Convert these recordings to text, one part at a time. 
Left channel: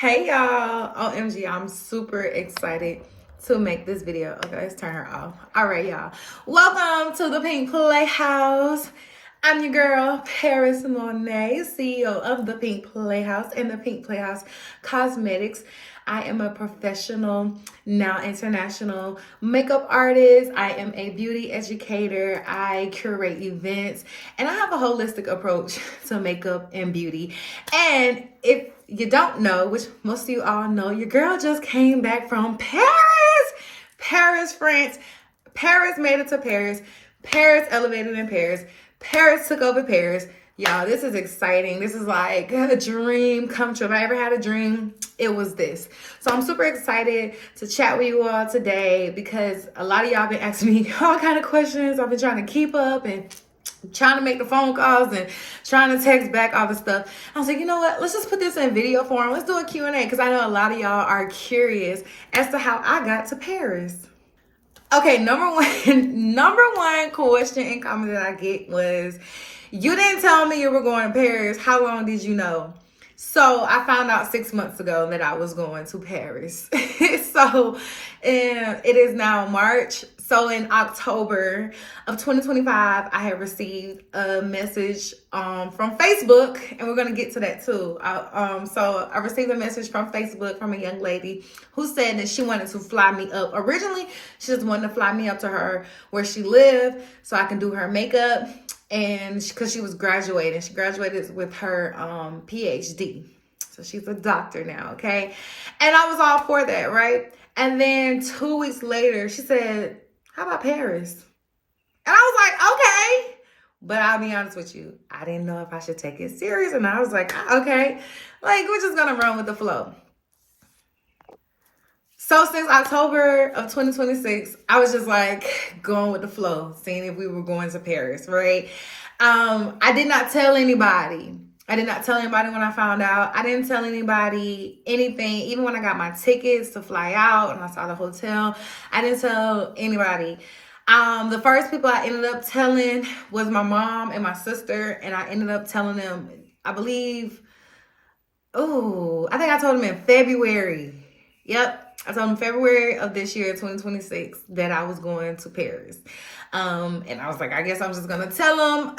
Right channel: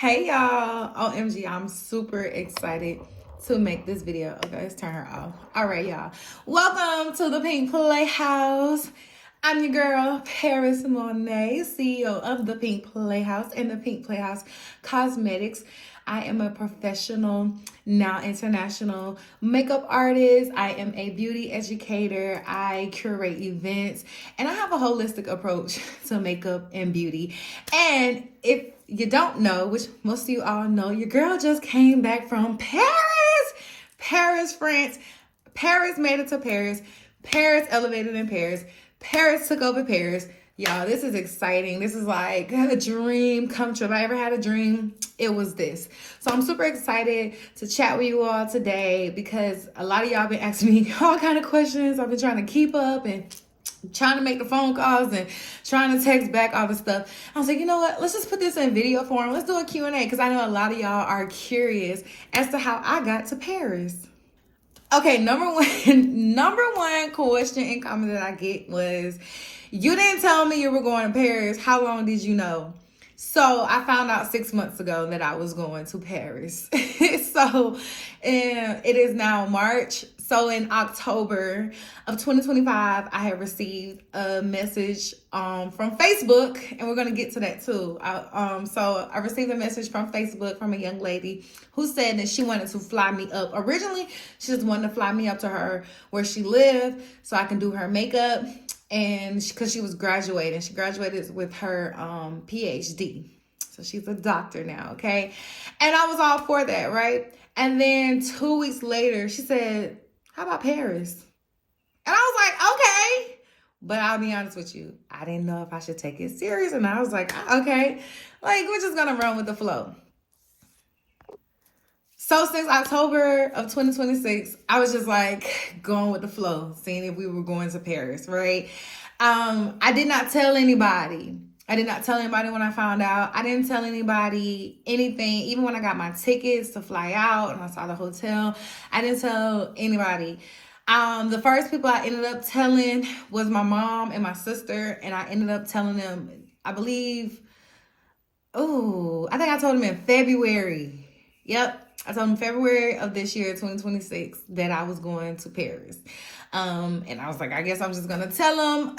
Hey y'all, OMG, I'm super excited to make this video. Okay, let's turn her off. All right, y'all. Welcome to the Pink Playhouse. I'm your girl, Paris Monet, CEO of the Pink Playhouse and the Pink Playhouse Cosmetics. I am a professional, now international makeup artist. I am a beauty educator. I curate events, and I have a holistic approach to makeup and beauty. And if you don't know, which most of you all know, your girl just came back from Paris, France. Paris made it to Paris. Paris elevated in Paris. Paris took over Paris. Y'all, this is exciting. This is like a dream come true. If I ever had a dream, it was this. So I'm super excited to chat with you all today because a lot of y'all been asking me all kind of questions. I've been trying to keep up and trying to make the phone calls and trying to text back all the stuff. I was like, you know what? Let's just put this in video form. Let's do a Q&A because I know a lot of y'all are curious as to how I got to Paris. Okay, number one question and comment that I get was, you didn't tell me you were going to Paris. How long did you know? So I found out 6 months ago that I was going to Paris. So it is now March. So in October of 2025, I had received a message from Facebook, and we're going to get to that too. So I received a message from Facebook from a young lady who said that she wanted to fly me up. Originally, she just wanted to fly me up to her where she lived so I can do her makeup. And because she was graduating, she graduated with her PhD. So she's a doctor now, okay? And I was all for that, right? And then 2 weeks later, she said, how about Paris? And I was like, okay. But I'll be honest with you, I didn't know if I should take it serious. And I was like, okay, like we're just gonna run with the flow. So since October of 2026, I was just like going with the flow, seeing if we were going to Paris, right? I did not tell anybody. I did not tell anybody when I found out. I didn't tell anybody anything. Even when I got my tickets to fly out and I saw the hotel, I didn't tell anybody. The first people I ended up telling was my mom and my sister, and I ended up telling them, I believe, I think I told them in February. Yep. I told them February of this year, 2026, that I was going to Paris. And I was like, I guess I'm just going to tell them,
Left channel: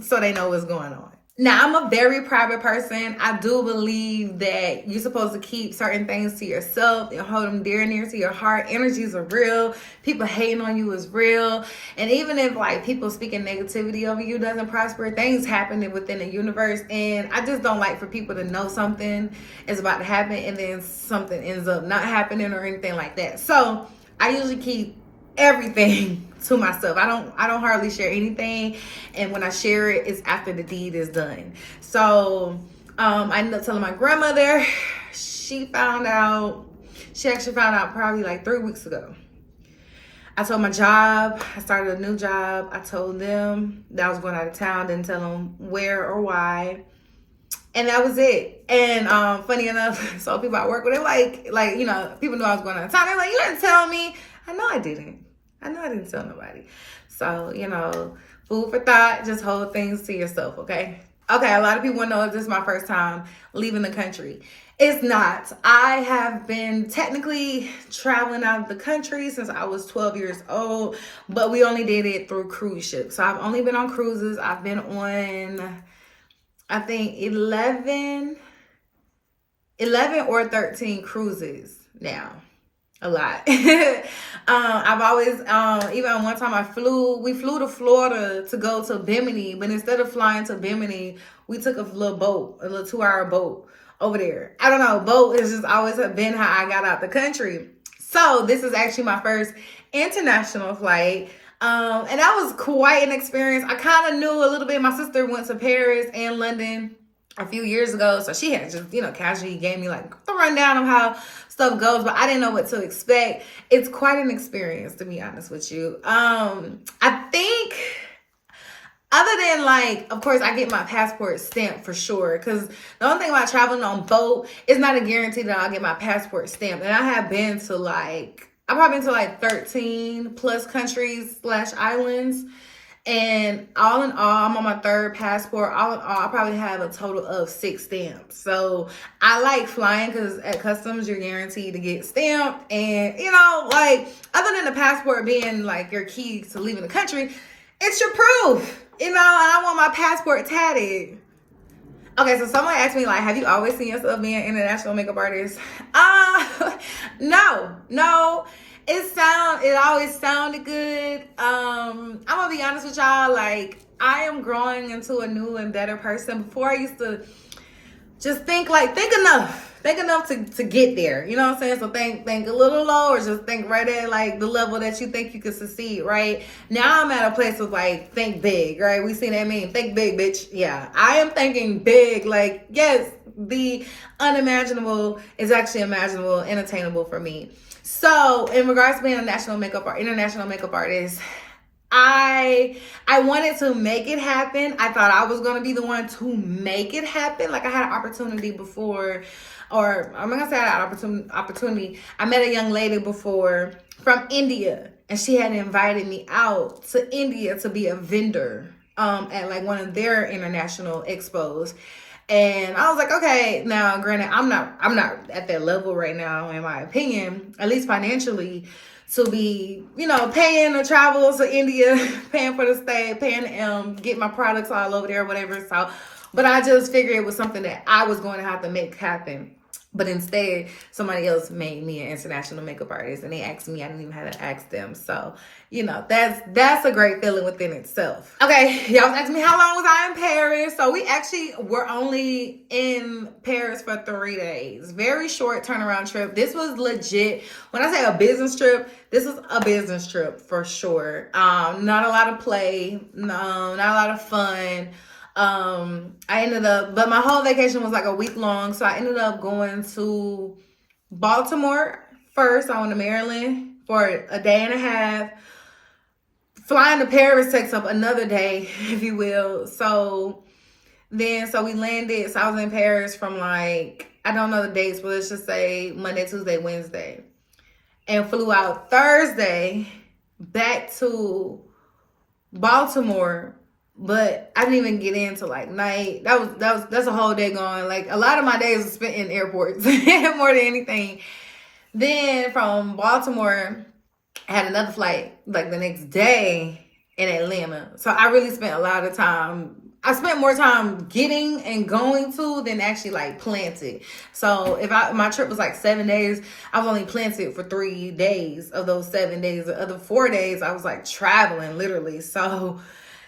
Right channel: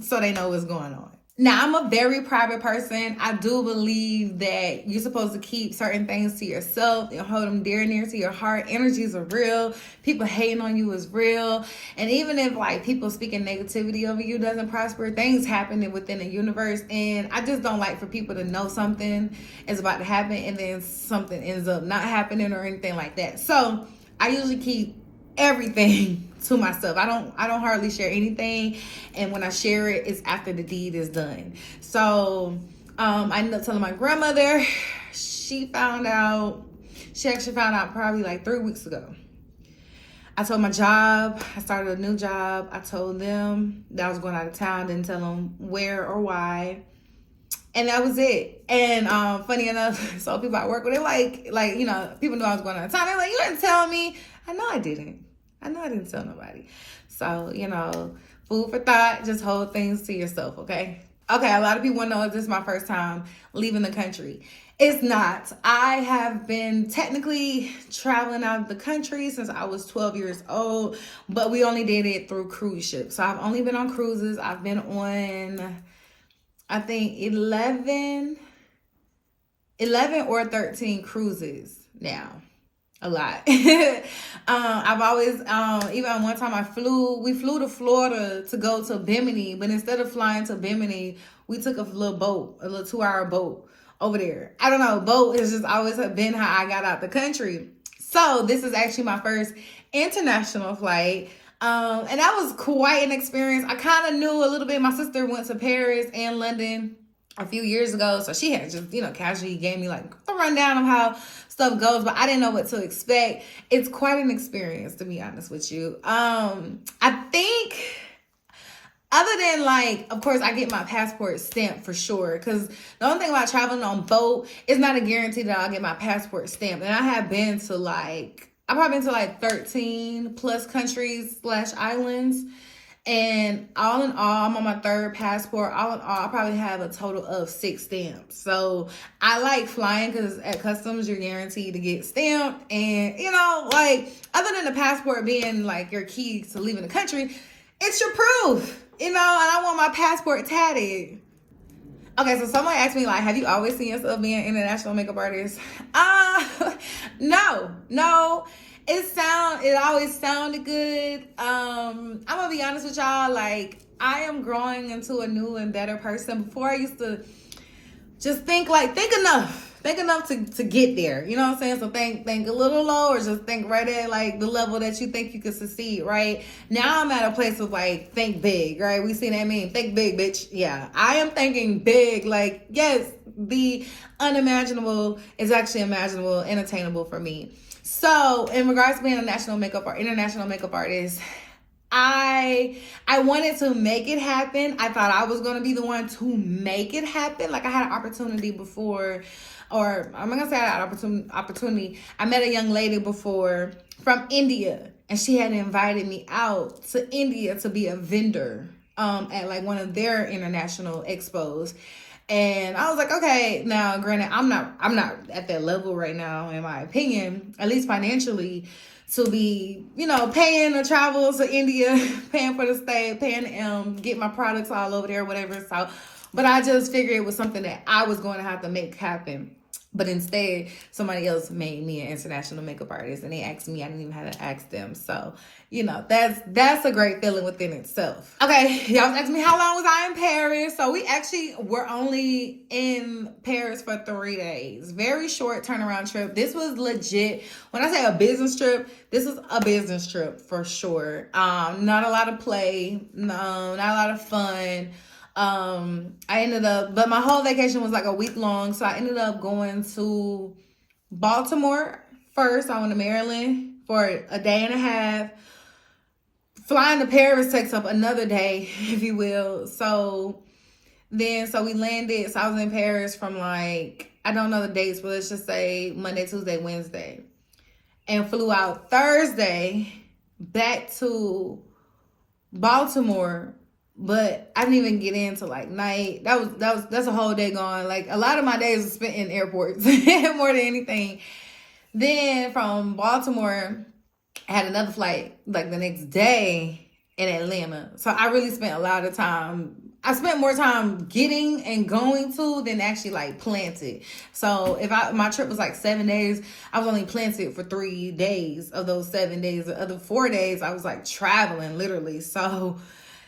so they know what's going on. Now, I'm a very private person. I do believe that you're supposed to keep certain things to yourself and hold them dear and near to your heart. Energies are real. People hating on you is real. And even if people speaking negativity over you doesn't prosper, things happen within the universe. And I just don't like for people to know something is about to happen and then something ends up not happening or anything like that. So I usually keep everything to myself. I don't hardly share anything, and when I share it, it's after the deed is done. So I ended up telling my grandmother. She actually found out probably like 3 weeks ago. I told my job, I started a new job. I told them that I was going out of town, didn't tell them where or why. And that was it. And funny enough, so people I work with, they're people know I was going out of town. They're like, you didn't tell me. I know I didn't tell nobody. So, food for thought, just hold things to yourself, okay? Okay, a lot of people know this is my first time leaving the country. It's not. I have been technically traveling out of the country since I was 12 years old, but we only did it through cruise ships. So I've only been on cruises. I've been on, I think, 11 or 13 cruises now. A lot. I've always, even one time we flew to Florida to go to Bimini, but instead of flying to Bimini, we took a little 2-hour boat over there. I don't know, boat has just always been how I got out the country. So this is actually my first international flight. And that was quite an experience. I kind of knew a little bit. My sister went to Paris and London a few years ago, so she had just, casually gave me the rundown of how stuff goes, but I didn't know what to expect. It's quite an experience, to be honest with you. I think other than of course I get my passport stamped for sure, because the only thing about traveling on boat is not a guarantee that I'll get my passport stamped. And I have been to I've probably been to 13 plus countries / islands. And all in all, I'm on my third passport. All in all, I probably have a total of 6 stamps. So I like flying because at customs, you're guaranteed to get stamped. And, you know, like, other than the passport being like your key to leaving the country, it's your proof. You know, and I want my passport tatted. Okay, so someone asked me, like, have you always seen yourself being an international makeup artist? No. It always sounded good. I'm gonna be honest with y'all, like, I am growing into a new and better person. Before I used to just think enough to get there. You know what I'm saying? So think a little low, or just think right at like the level that you think you can succeed, right? Now I'm at a place of like, think big, right? We see that meme, think big, bitch. Yeah, I am thinking big. Like, yes, the unimaginable is actually imaginable and attainable for me. So in regards to being international makeup artist, I wanted to make it happen. I thought I was going to be the one to make it happen. Like, I had an opportunity before, or I'm not going to say I had an opportunity. I met a young lady before from India, and she had invited me out to India to be a vendor at like one of their international expos. And I was like, okay, now granted, I'm not at that level right now, in my opinion, at least financially, to be, you know, paying to travel to India, paying for the stay, paying to get my products all over there, whatever. So, but I just figured it was something that I was going to have to make happen. But instead, somebody else made me an international makeup artist, and they asked me. I didn't even have to ask them. So, you know, that's a great feeling within itself. Okay, y'all was asking me how long was I in Paris. So we actually were only in Paris for 3 days. Very short turnaround trip. This was legit. When I say a business trip, this is a business trip for sure. Not a lot of play. No, not a lot of fun. But my whole vacation was like a week long. So I ended up going to Baltimore first. I went to Maryland for a day and a half. Flying to Paris takes up another day, if you will. So we landed. So I was in Paris from like, I don't know the dates, but let's just say Monday, Tuesday, Wednesday. And flew out Thursday back to Baltimore. But I didn't even get into like night. That's a whole day gone. Like, a lot of my days were spent in airports more than anything. Then from Baltimore, I had another flight like the next day in Atlanta. So I really spent a lot of time. I spent more time getting and going to than actually like planted. So my trip was like 7 days, I was only planted for 3 days of those 7 days. The other 4 days I was like traveling literally. So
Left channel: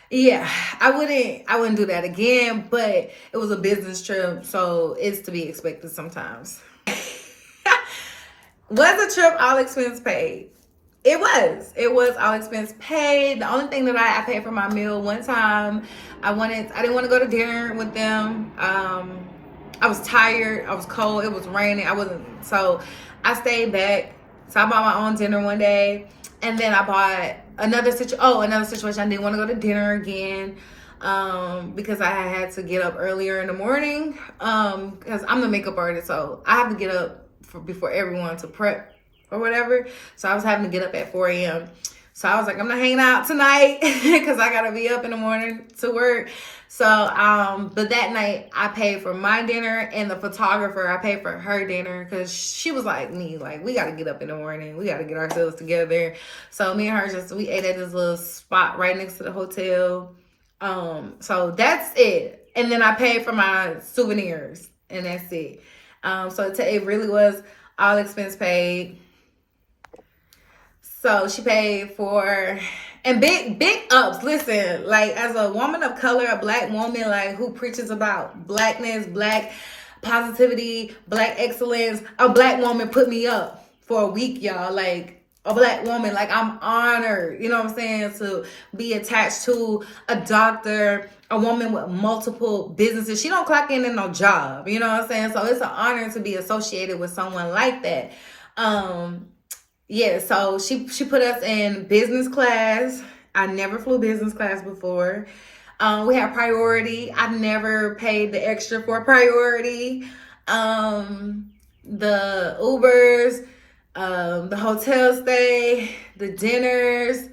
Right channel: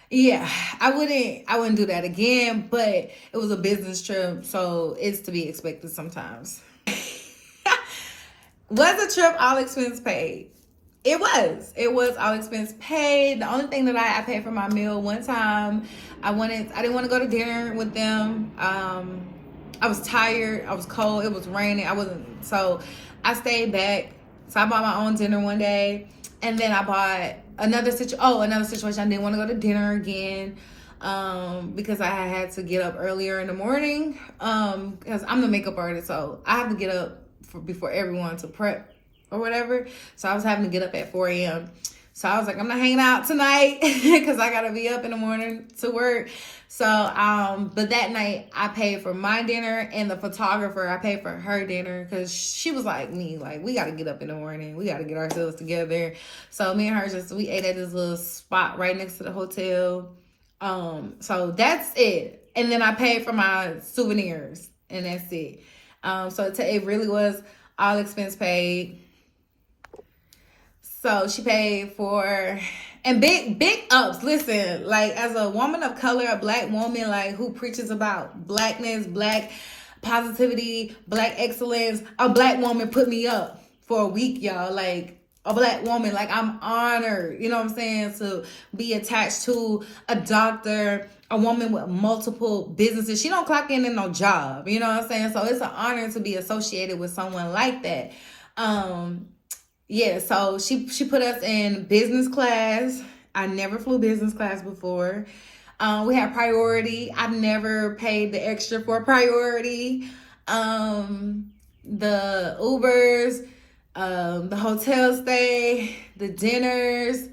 yeah, I wouldn't do that again, but it was a business trip, so it's to be expected sometimes. Was the trip all expense paid? It was all expense paid. The only thing that I paid for my meal one time, I didn't want to go to dinner with them. I was tired, I was cold, it was raining, so I stayed back. So I bought my own dinner one day, and then I bought another situation. I didn't want to go to dinner again because I had to get up earlier in the morning because I'm the makeup artist, so I have to get up before everyone to prep or whatever. So I was having to get up at 4 a.m. So I was like, I'm not hanging out tonight because I gotta be up in the morning to work. So, but that night I paid for my dinner, and the photographer, I paid for her dinner because she was like me, like, we gotta get up in the morning. We gotta get ourselves together. So me and her we ate at this little spot right next to the hotel. So that's it. And then I paid for my souvenirs, and that's it. So it really was all expense paid. So she paid for, and big ups. Listen, like, as a woman of color, a black woman, like, who preaches about blackness, black positivity, black excellence, a black woman put me up for a week, y'all. Like, a black woman, like, I'm honored, you know what I'm saying, to be attached to a doctor, a woman with multiple businesses. She don't clock in no job, you know what I'm saying? So it's an honor to be associated with someone like that. Yeah, so she put us in business class. I never flew business class before. We had priority. I never paid the extra for priority. The Ubers, the hotel stay, the dinners,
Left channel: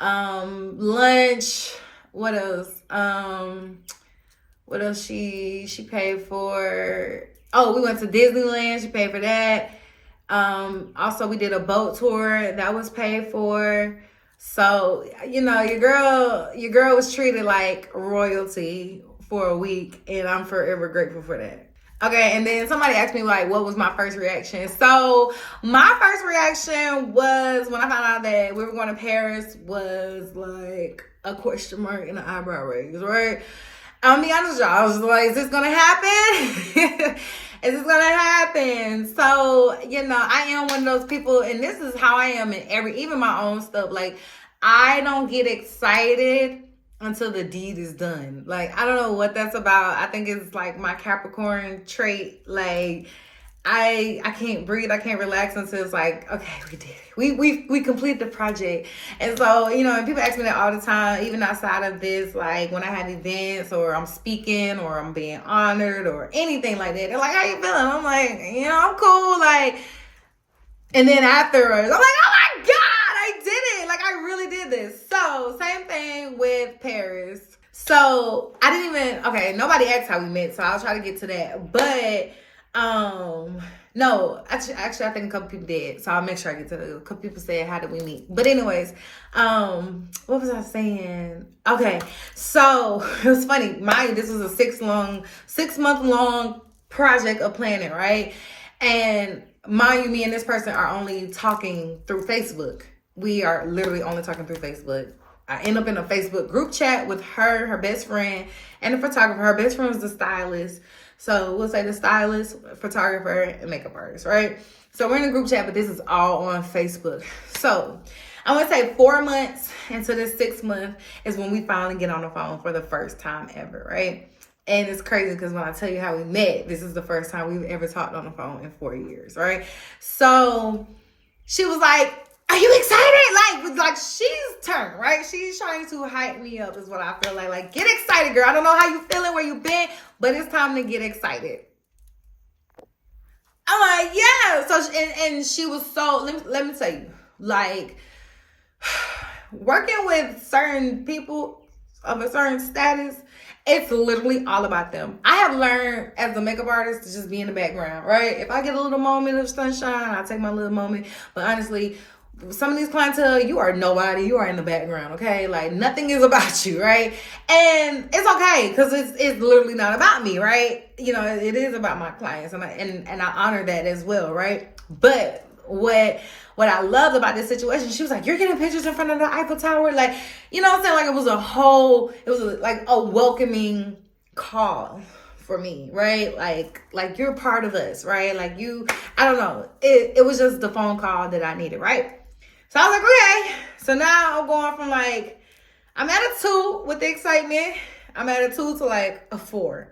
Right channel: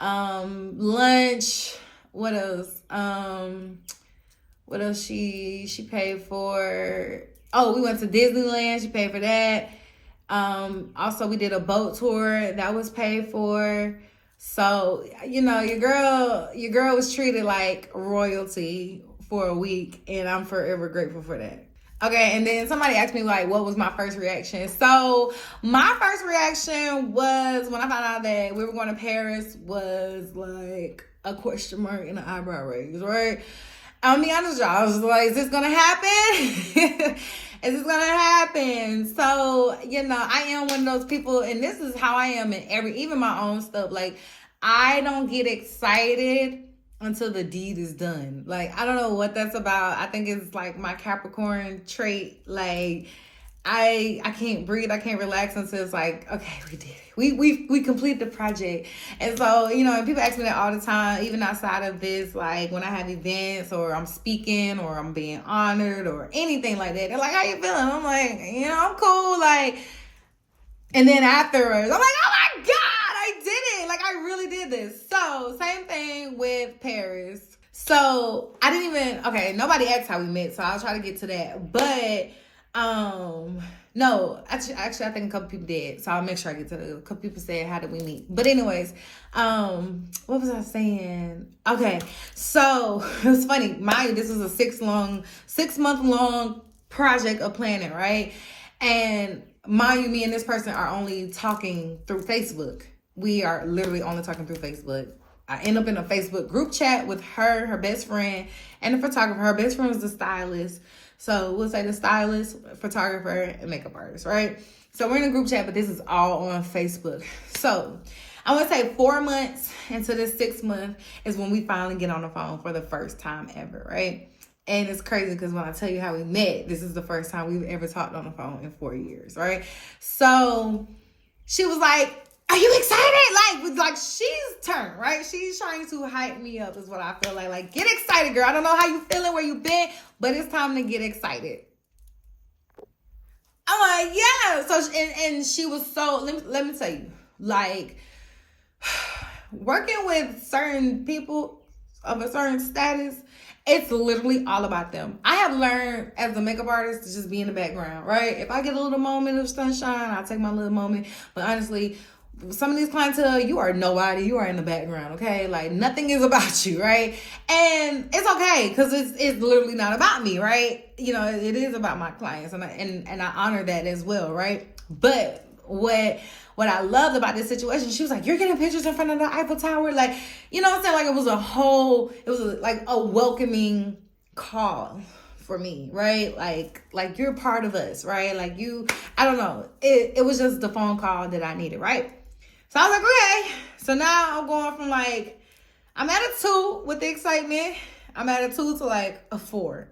Lunch. What else? What else she paid for? Oh, we went to Disneyland. She paid for that. Also we did a boat tour that was paid for. So, you know, your girl was treated like royalty for a week, and I'm forever grateful for that. Okay, and then somebody asked me, like, what was my first reaction? So my first reaction was, when I found out that we were going to Paris, was like a question mark and an eyebrow raise, right? I'll be honest, y'all. I was like, is this gonna happen? Is this gonna happen? So, you know, I am one of those people, and this is how I am in even my own stuff. Like, I don't get excited until the deed is done. Like, I don't know what that's about. I think it's like my Capricorn trait. Like, I can't breathe. I can't relax until it's like, okay, we did it. We complete the project. And so, you know, and people ask me that all the time, even outside of this, like when I have events or I'm speaking or I'm being honored or anything like that. They're like, how you feeling? I'm like, you know, I'm cool. Like, and then afterwards, I'm like, oh my God, I did it. Like, I really did this. So same thing with Paris. So I didn't even, okay, nobody asked how we met, so I'll try to get to that. But no, actually, I think a couple people did, so I'll make sure I get to it. A couple people said, how did we meet? But anyways, what was I saying? Okay, so it was funny. This was a 6 month long project of planning, right? And mind you, me and this person are only talking through Facebook. We are literally only talking through Facebook. I end up in a Facebook group chat with her best friend, and the photographer. Her best friend was the stylist. So we'll say the stylist, photographer, and makeup artist, right? So we're in a group chat, but this is all on Facebook. So I want to say 4 months into this 6th month is when we finally get on the phone for the first time ever, right? And it's crazy because when I tell you how we met, this is the first time we've ever talked on the phone in 4 years, right? So she was like, are you excited? Like she's turned, right? She's trying to hype me up is what I feel like. Like, get excited, girl. I don't know how you feeling, where you been, but it's time to get excited. I'm like, yeah. So, and she was so, let me tell you, like, working with certain people of a certain status, it's literally all about them. I have learned as a makeup artist to just be in the background, right? If I get a little moment of sunshine, I take my little moment. But honestly, some of these clientele, you are nobody. You are in the background, okay? Like, nothing is about you, right? And it's okay, because it's literally not about me, right? You know, it is about my clients, and I honor that as well, right? But what I loved about this situation, she was like, you're getting pictures in front of the Eiffel Tower? Like, you know what I'm saying? Like, it was like a welcoming call for me, right? Like you're part of us, right? Like I don't know. It was just the phone call that I needed, right? So I was like, okay. So now I'm going from like, I'm at a 2 with the excitement. I'm at a 2 to like a 4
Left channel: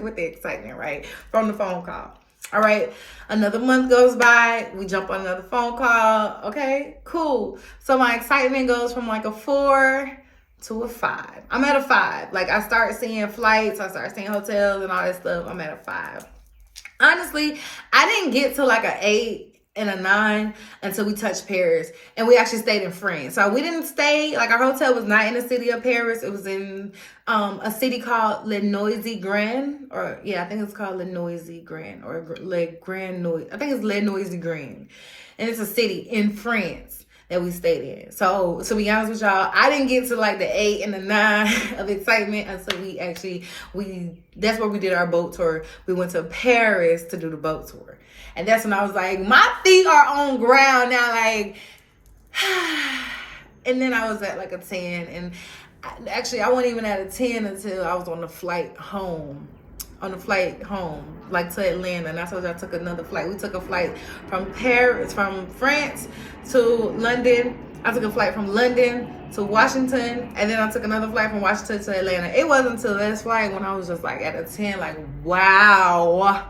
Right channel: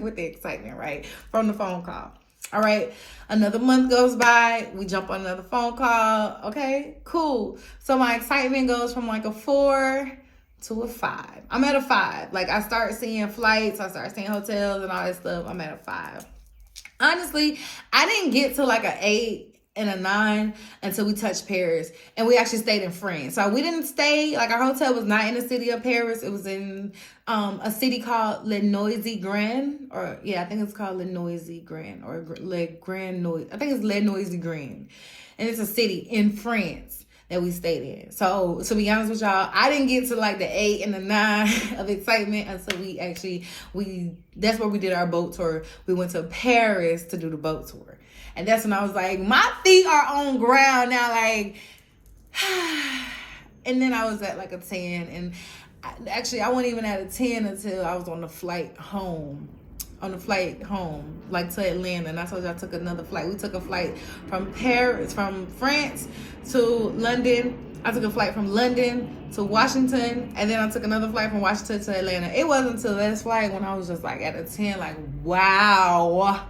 with the excitement, right? From the phone call. All right. Another month goes by. We jump on another phone call. Okay, cool. So my excitement goes from like a 4 to a 5. I'm at a 5. Like, I start seeing flights. I start seeing hotels and all that stuff. I'm at a 5. Honestly, I didn't get to like an 8 and a 9 until we touched Paris, and we actually stayed in France. So we didn't stay, like, our hotel was not in the city of Paris. It was in a city called Le Noisy Grand, or yeah, I think it's called Le Noisy Grand, or Le Grand Noisy. I think it's Le Noisy Grand, and it's a city in France that we stayed in. So to be honest with y'all, I didn't get to like the 8 and the 9 of excitement until that's where we did our boat tour. We went to Paris to do the boat tour. And that's when I was like, my feet are on ground now, like, and then I was at like a 10. And actually, I wasn't even at a 10 until I was on the flight home, like to Atlanta. And that's when I took another flight. We took a flight from France to London. I took a flight from London to Washington. And then I took another flight from Washington to Atlanta. It wasn't until this flight when I was just like at a 10, like, wow.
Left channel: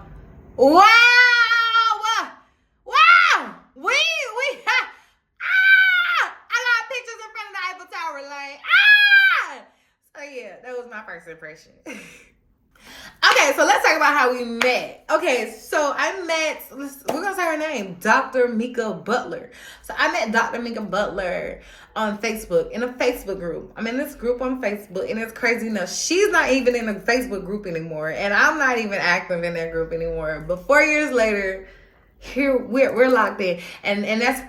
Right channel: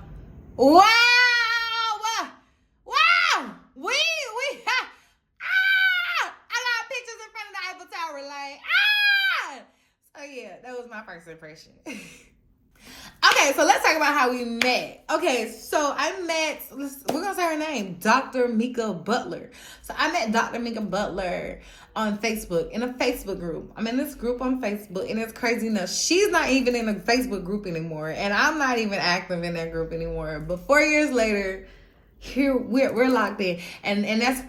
That was my first impression. Okay, Okay, so let's talk about how we met. Okay, so I met, we're gonna say her name, Dr. Mika Butler. So I met Dr. Mika Butler on Facebook, in a Facebook group. I'm in this group on Facebook, and it's crazy enough, she's not even in a Facebook group anymore, and I'm not even active in that group anymore. But 4 years later, here we're locked in, and that's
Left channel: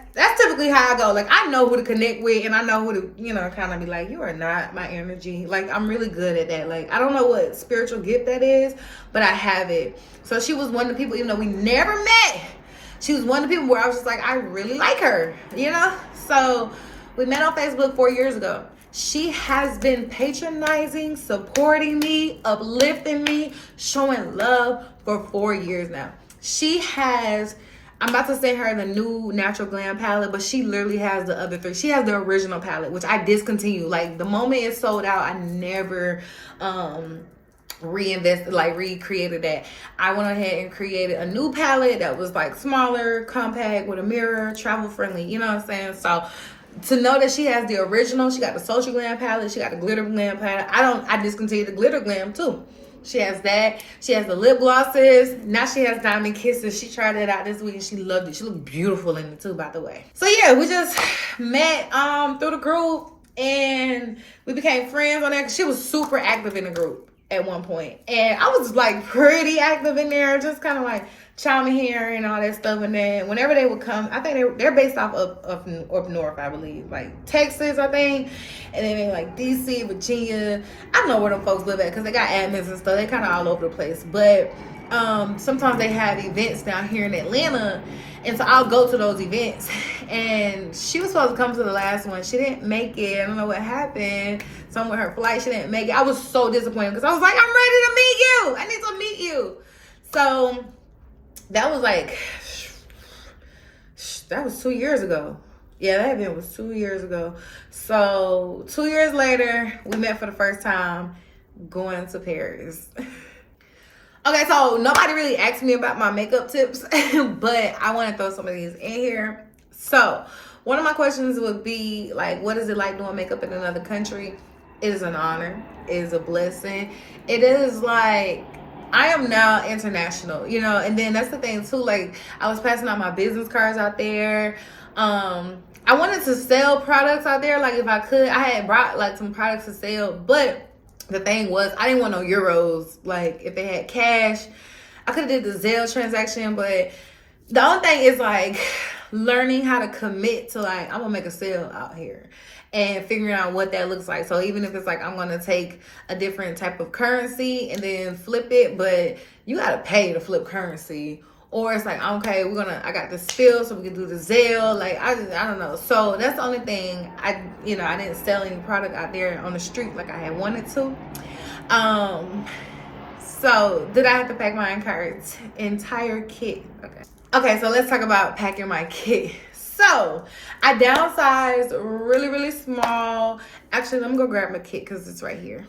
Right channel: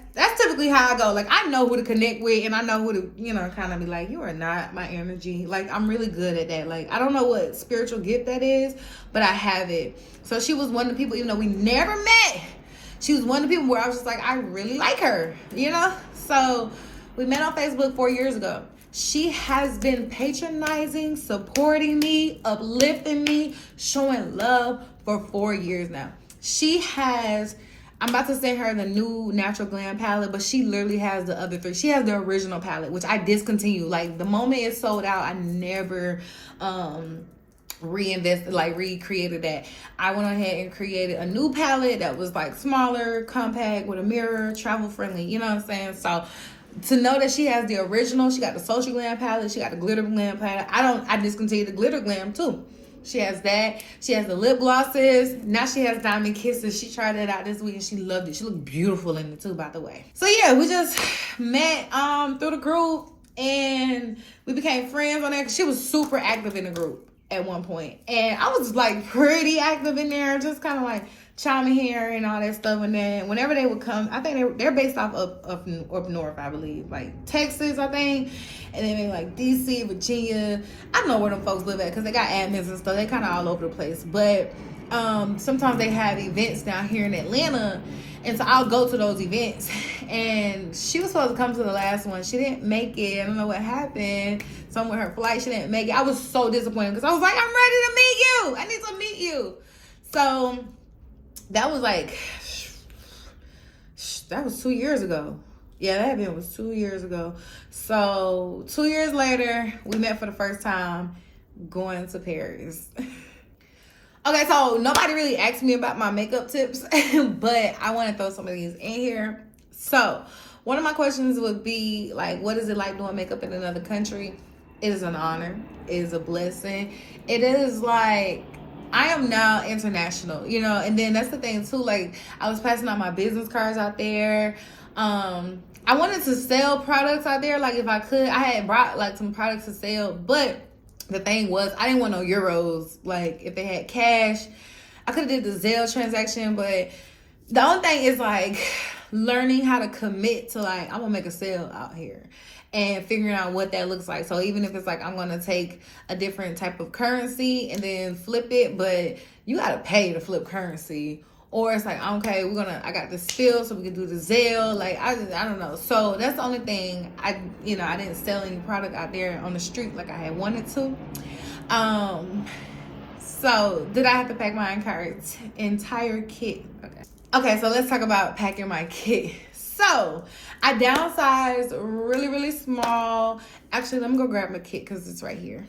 typically how I go. Like, I know who to connect with, and I know who to, kind of be like, you are not my energy. Like, I'm really good at that. Like, I don't know what spiritual gift that is, but I have it. So she was one of the people, even though we never met, she was one of the people where I was just like, I really like her, So we met on Facebook 4 years ago. She has been patronizing, supporting me, uplifting me, showing love for 4 years now. She has, I'm about to send her the new Natural Glam palette, but she literally has the other 3. She has the original palette, which I discontinued. Like, the moment it sold out, I never recreated that. I went ahead and created a new palette that was like smaller, compact, with a mirror, travel friendly, you know what I'm saying? So to know that she has the original, she got the Social Glam palette, she got the Glitter Glam palette. I discontinued the Glitter Glam too. She has that. She has the lip glosses. Now she has Diamond Kisses. She tried it out this week and she loved it. She looked beautiful in it too, by the way. So yeah, we just met through the group, and we became friends on there. She was super active in the group at one point, and I was like pretty active in there, just kind of like chiming here and all that stuff. And then whenever they would come, I think they're based off up north, I believe, like Texas, I think. And then like DC, Virginia. I don't know where them folks live at because they got admins and stuff. They kind of all over the place. But sometimes they have events down here in Atlanta. And so I'll go to those events. And she was supposed to come to the last one. She didn't make it. I don't know what happened. Something with her flight, she didn't make it. I was so disappointed because I was like, I'm ready to meet you. I need to meet you. So that was like, that was 2 years ago. Yeah, that event was 2 years ago. So 2 years later, we met for the first time going to Paris. Okay, so nobody really asked me about my makeup tips, but I want to throw some of these in here. So one of my questions would be like, what is it like doing makeup in another country? It is an honor. It is a blessing. It is like, I am now international, and then that's the thing too. Like, I was passing out my business cards out there. I wanted to sell products out there. Like, if I could, I had brought like some products to sell, but the thing was, I didn't want no euros. Like, if they had cash, I could have did the Zelle transaction, but the only thing is like learning how to commit to like, I'm gonna make a sale out here and figuring out what that looks like. So even if it's like, I'm gonna take a different type of currency and then flip it, but you gotta pay to flip currency. Or it's like, okay, I got this spill, so we can do the Zelle. Like, I don't know. So that's the only thing. I didn't sell any product out there on the street like I had wanted to. So did I have to pack my entire kit? Okay, so let's talk about packing my kit. So I downsized really, really small. Actually, let me go grab my kit because it's right here.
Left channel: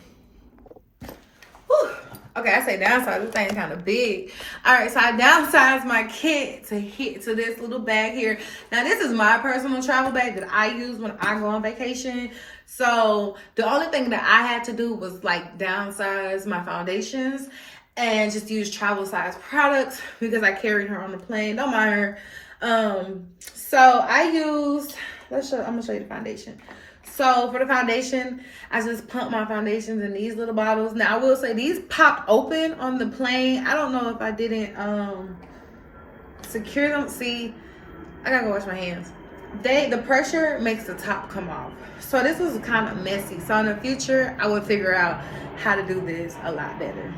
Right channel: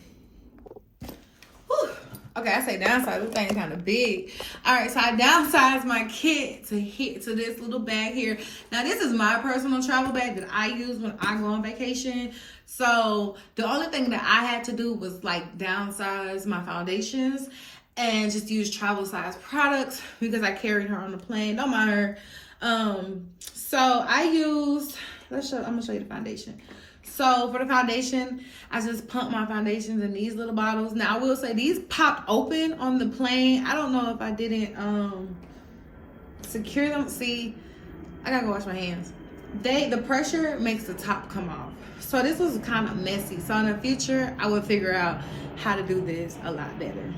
Whew. Okay, I say downsize, this thing kind of big. All right, so I downsized my kit to this little bag here. Now, this is my personal travel bag that I use when I go on vacation. So the only thing that I had to do was like downsize my foundations and just use travel size products because I carried her on the plane. Don't mind her. So I used, I'm gonna show you the foundation. So for the foundation, I just pump my foundations in these little bottles. Now I will say these pop open on the plane. I don't know if I didn't secure them. See, I gotta go wash my hands. The pressure makes the top come off. So this was kind of messy. So in the future, I would figure out how to do this a lot better.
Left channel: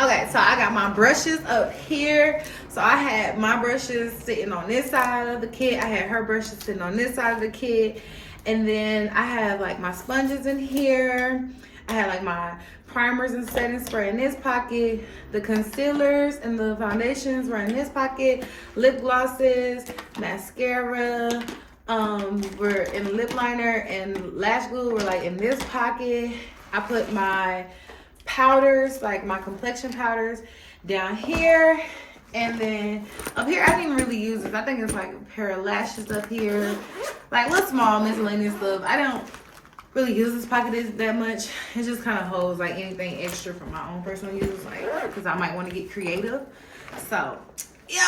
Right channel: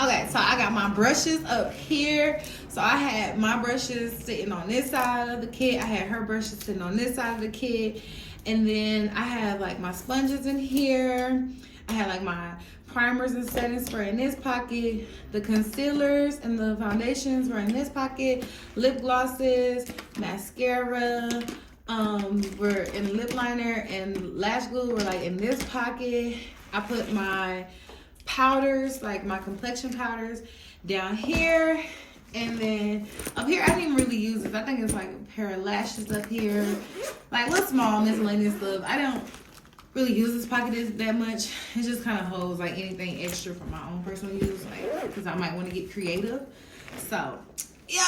Okay, so I got my brushes up here. So I had my brushes sitting on this side of the kit. I had her brushes sitting on this side of the kit. And then I have like my sponges in here. I had like my primers and setting spray in this pocket. The concealers and the foundations were in this pocket. Lip glosses, mascara, were in lip liner, and lash glue were like in this pocket. I put my powders, like my complexion powders, down here. And then up here, I didn't really use this. I think it's like a pair of lashes up here. Like little small miscellaneous stuff. I really use this pocket that much. It just kind of holds like anything extra for my own personal use, like because I might want to get creative. So, yep.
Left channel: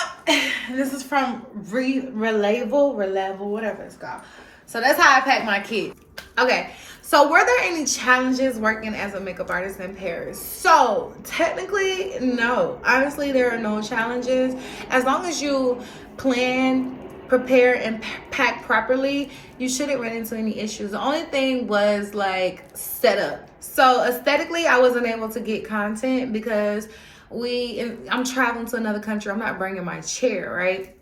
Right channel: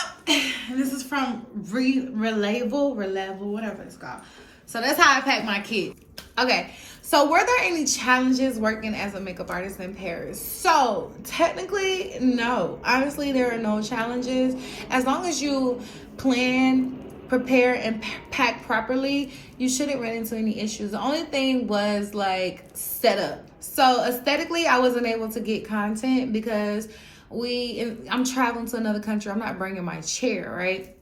This is from Reliable, whatever it's called. So that's how I pack my kit. Okay. So were there any challenges working as a makeup artist in Paris? So technically, no. Honestly, there are no challenges. As long as you plan, prepare, and pack properly, you shouldn't run into any issues. The only thing was like setup. So aesthetically, I wasn't able to get content because I'm traveling to another country. I'm not bringing my chair, right?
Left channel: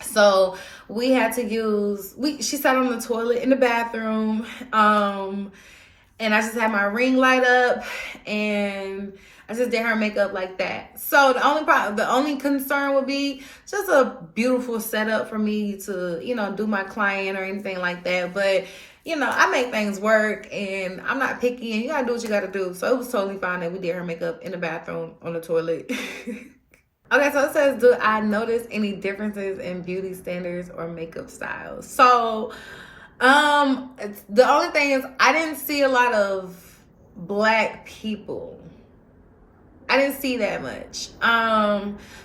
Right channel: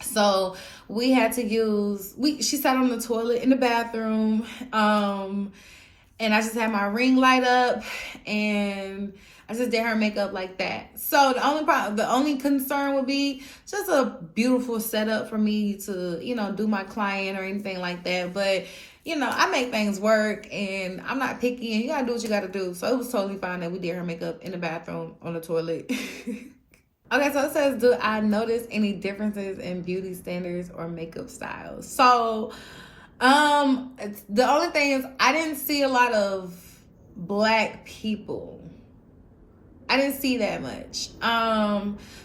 So we had to she sat on the toilet in the bathroom. And I just had my ring light up and I just did her makeup like that. So the only concern would be just a beautiful setup for me to, do my client or anything like that. But, I make things work and I'm not picky and you gotta do what you gotta do. So it was totally fine that we did her makeup in the bathroom on the toilet. Okay, so it says, do I notice any differences in beauty standards or makeup styles? So, the only thing is I didn't see a lot of Black people. I didn't see that much.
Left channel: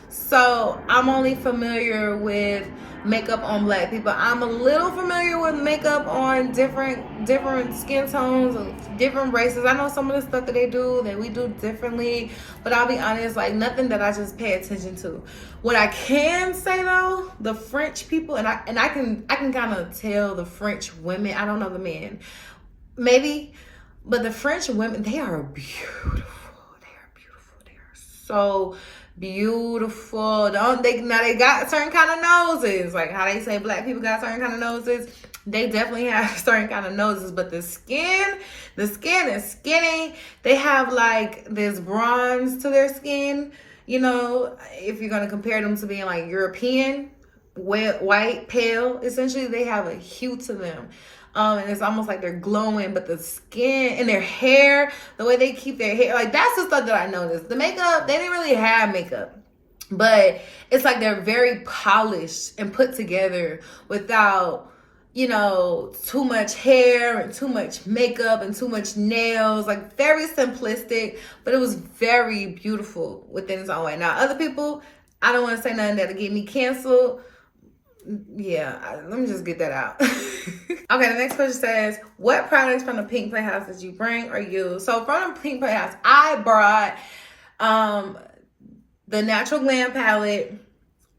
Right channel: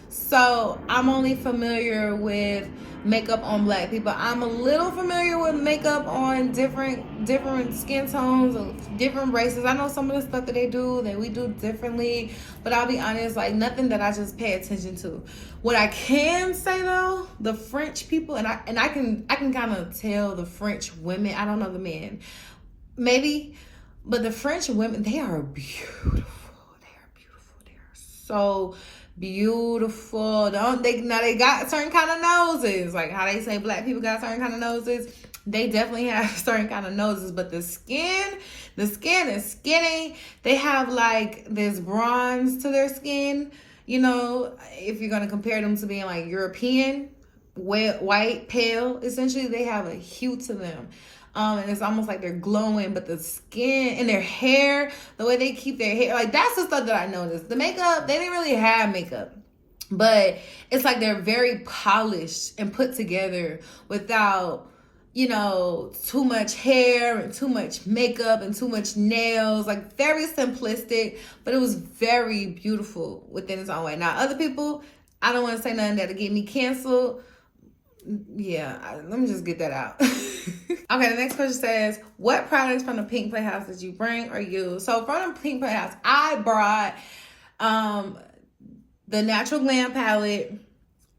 So I'm only familiar with makeup on Black people. I'm a little familiar with makeup on different skin tones of different races. I know some of the stuff that we do differently, but I'll be honest, like nothing that I just pay attention to. What I can say though, the French people, and I can kind of tell the French women. I don't know the men, maybe, but the French women, they are beautiful. So beautiful. They got certain kind of noses, like how they say Black people got certain kind of noses. They definitely have certain kind of noses, but the skin is skinny. They have like this bronze to their skin. If you're gonna compare them to being like European, white, pale, essentially they have a hue to them. And it's almost like they're glowing, but the skin and their hair, the way they keep their hair, like that's the stuff that I noticed. The makeup, they didn't really have makeup, but it's like they're very polished and put together without, too much hair and too much makeup and too much nails, like very simplistic, but it was very beautiful within its own way. Now, other people, I don't want to say nothing that'll get me canceled. Yeah, let me just get that out. Okay, the next question says, what products from the Pink Playhouse did you bring or use? So from the Pink Playhouse, I brought the Natural Glam palette.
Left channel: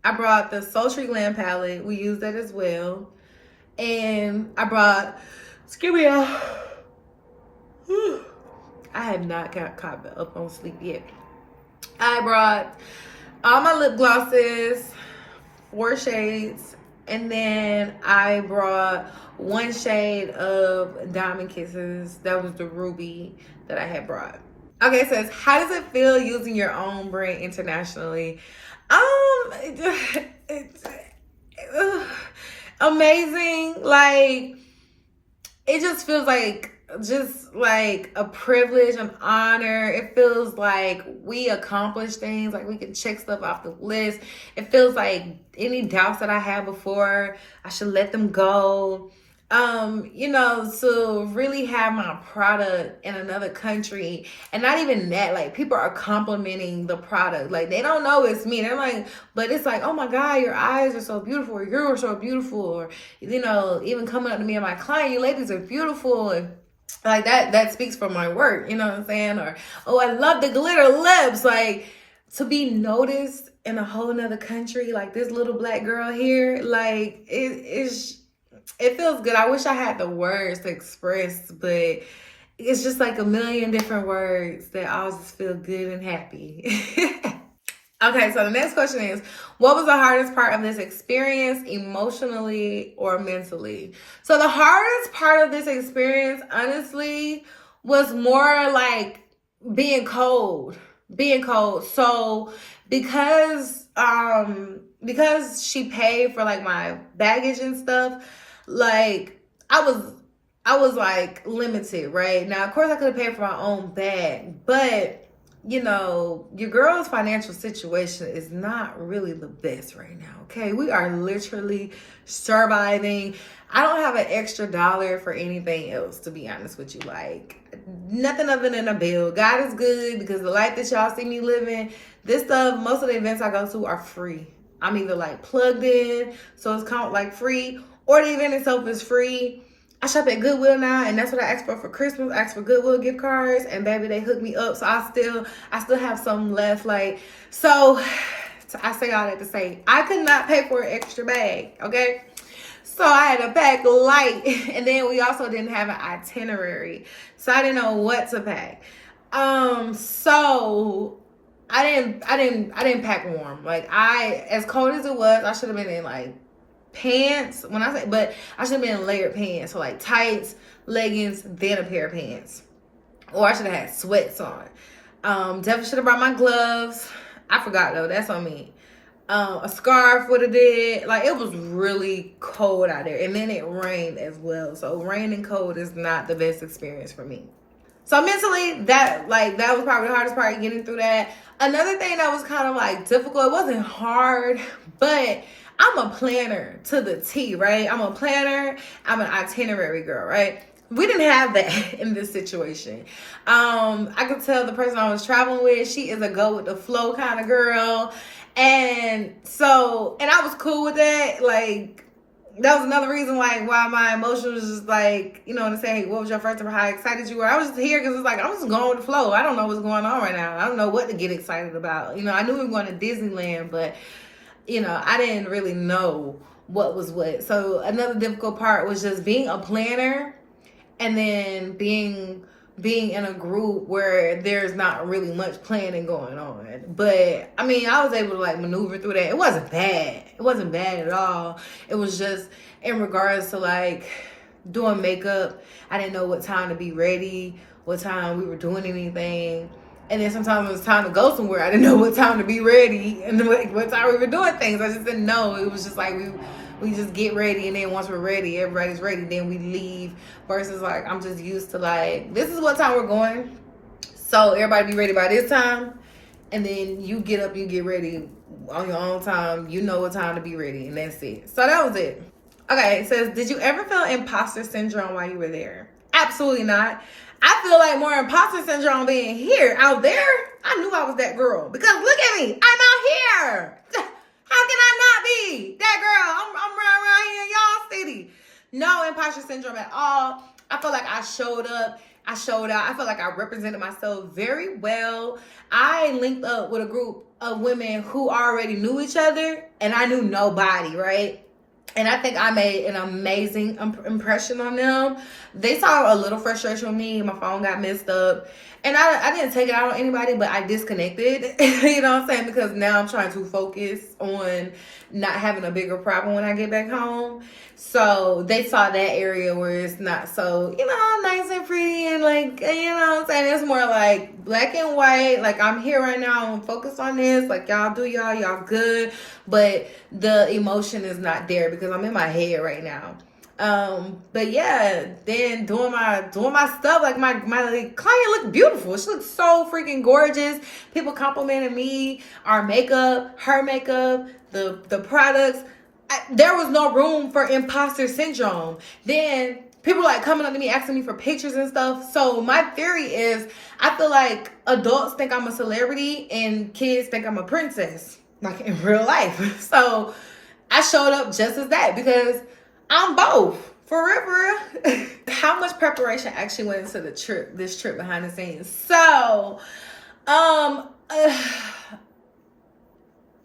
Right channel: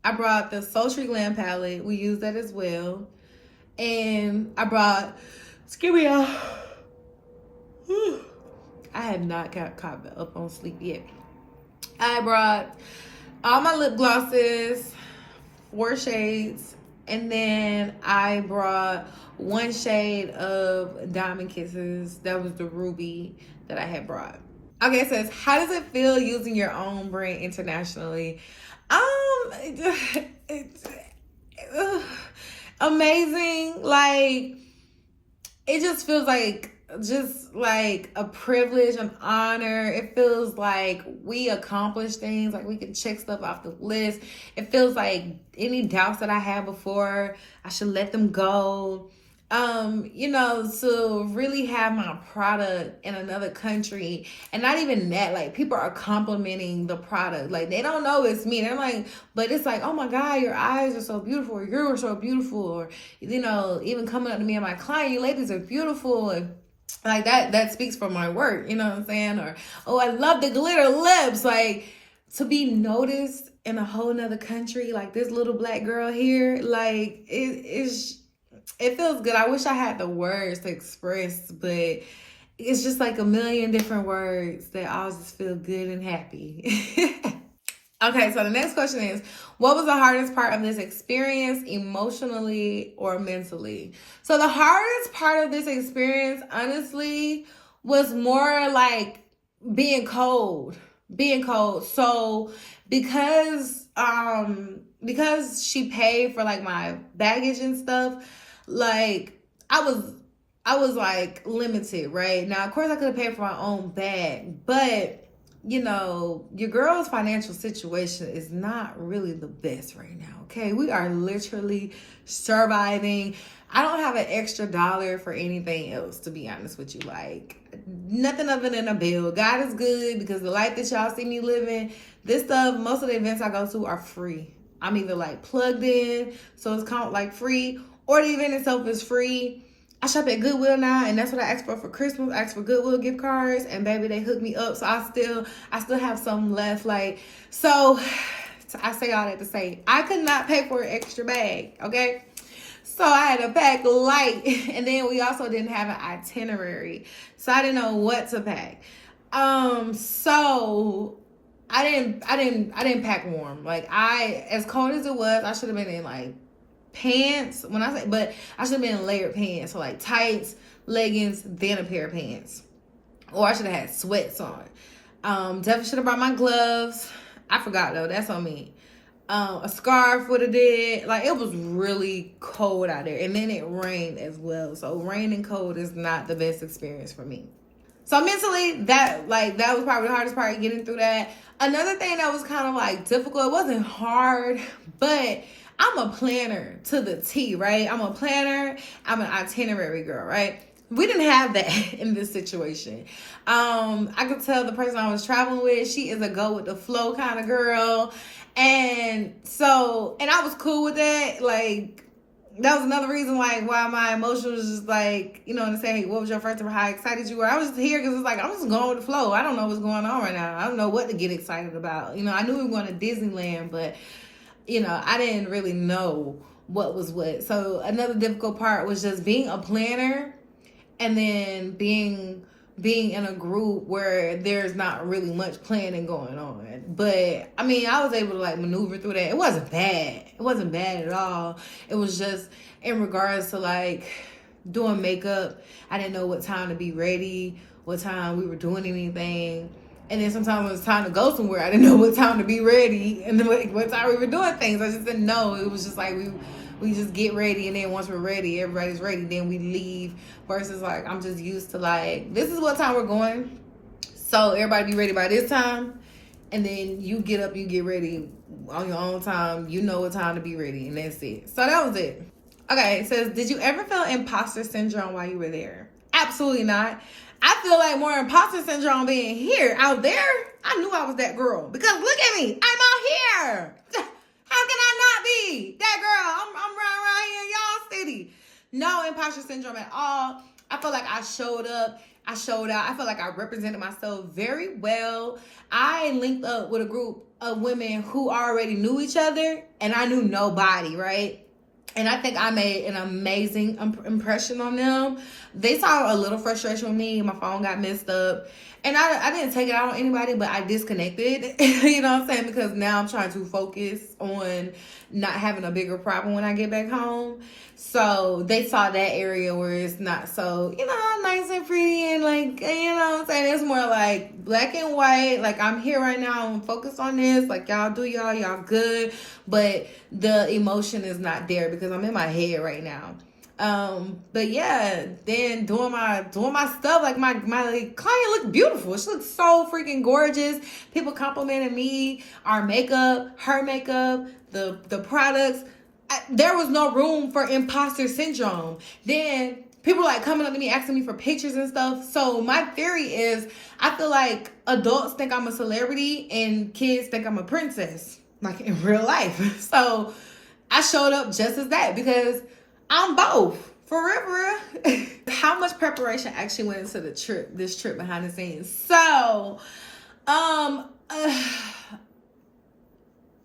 I brought the Sultry Glam palette. We used that as well. And I brought, excuse me, I have not got caught up on sleep yet. I brought all my lip glosses, 4 shades, and then I brought 1 shade of Diamond Kisses. That was the ruby that I had brought. Okay, it says, how does it feel using your own brand internationally? Amazing. Like, it just feels like a privilege, an honor. It feels like we accomplish things, like we can check stuff off the list. It feels like any doubts that I had before, I should let them go. To really have my product in another country, and not even that, like people are complimenting the product. Like they don't know it's me. They're like, but it's like, oh my God, your eyes are so beautiful, or you're so beautiful, or even coming up to me and my client, you ladies are beautiful, and like that speaks for my work, you know what I'm saying? Or, oh, I love the glitter lips. Like to be noticed in a whole nother country, like this little Black girl here, like it feels good. I wish I had the words to express, but it's just like a million different words that all just feel good and happy. Okay, so the next question is, what was the hardest part of this experience, emotionally or mentally? So the hardest part of this experience, honestly, was more like being cold. So because she paid for like my baggage and stuff, like I was like limited, right? Now, of course I could have paid for my own bag, but your girl's financial situation is not really the best right now, okay? We are literally surviving. I don't have an extra dollar for anything else, to be honest with you. Like, nothing other than a bill. God is good because the life that y'all see me living, this stuff, most of the events I go to are free. I'm either like plugged in, so it's count like free, or the event itself is free. I shop at Goodwill now, and that's what I asked for Christmas. I asked for Goodwill gift cards, and baby, they hooked me up. So I still have some left. Like, so I say all that to say, I could not pay for an extra bag, okay? So I had to pack light, and then we also didn't have an itinerary, so I didn't know what to pack. So I didn't pack warm. Like, as cold as it was, I should have been in like pants. But I should have been in layered pants, so like tights, leggings, then a pair of pants, or I should have had sweats on. Definitely should have brought my gloves. I forgot though. That's on me. A scarf would have did. Like, it was really cold out there, and then it rained as well. So rain and cold is not the best experience for me. So mentally, that was probably the hardest part, getting through that. Another thing that was kind of like difficult, it wasn't hard, but I'm a planner to the T, right? I'm a planner. I'm an itinerary girl, right? We didn't have that in this situation. I could tell the person I was traveling with, she is a go with the flow kind of girl. And I was cool with that. Like, that was another reason why my emotion was just like, you know what I'm saying? What was your first time? How excited you were? I was just here because it's like, I'm just going with the flow. I don't know what's going on right now. I don't know what to get excited about. You know, I knew we were going to Disneyland, but, you know, I didn't really know what was what. So another difficult part was just being a planner, and then being in a group where there's not really much planning going on. But I mean, I was able to like maneuver through that. It wasn't bad. It wasn't bad at all. It was just in regards to like doing makeup. I didn't know what time to be ready, what time we were doing anything. And then sometimes it was time to go somewhere, I didn't know what time to be ready and what time we were doing things. I just didn't know. It was just like we just get ready, and then once we're ready, everybody's ready, then we leave. Versus like, I'm just used to like, this is what time we're going, so everybody be ready by this time, and then you get up, you get ready on your own time. You know what time to be ready, and that's it. So that was it. Okay, it says, did you ever feel imposter syndrome while you were there? Absolutely not. I feel like more imposter syndrome being here. Out there, I knew I was that girl, because look at me, I'm out here. How can I not be that girl? I'm right here in y'all city. No imposter syndrome at all. I feel like I showed up. I showed out. I feel like I represented myself very well. I linked up with a group of women who already knew each other, and I knew nobody, right? And I think I made an amazing impression on them. They saw a little frustration with me. My phone got messed up. And I didn't take it out on anybody, but I disconnected. You know what I'm saying? Because now I'm trying to focus on not having a bigger problem when I get back home. So they saw that area where it's not so, you know, nice and pretty and like, you know what I'm saying? It's more like black and white. Like, I'm here right now. I'm focused on this. Like, y'all do y'all good. But the emotion is not there because I'm in my head right now. But yeah, then doing my stuff, like my client looked beautiful. She looked so freaking gorgeous. People complimented me, our makeup, her makeup, the products. There was no room for imposter syndrome. Then people like coming up to me, asking me for pictures and stuff. So my theory is, I feel like adults think I'm a celebrity and kids think I'm a princess, like in real life. So I showed up just as that because I'm both. For real. How much preparation actually went into this trip behind the scenes? So,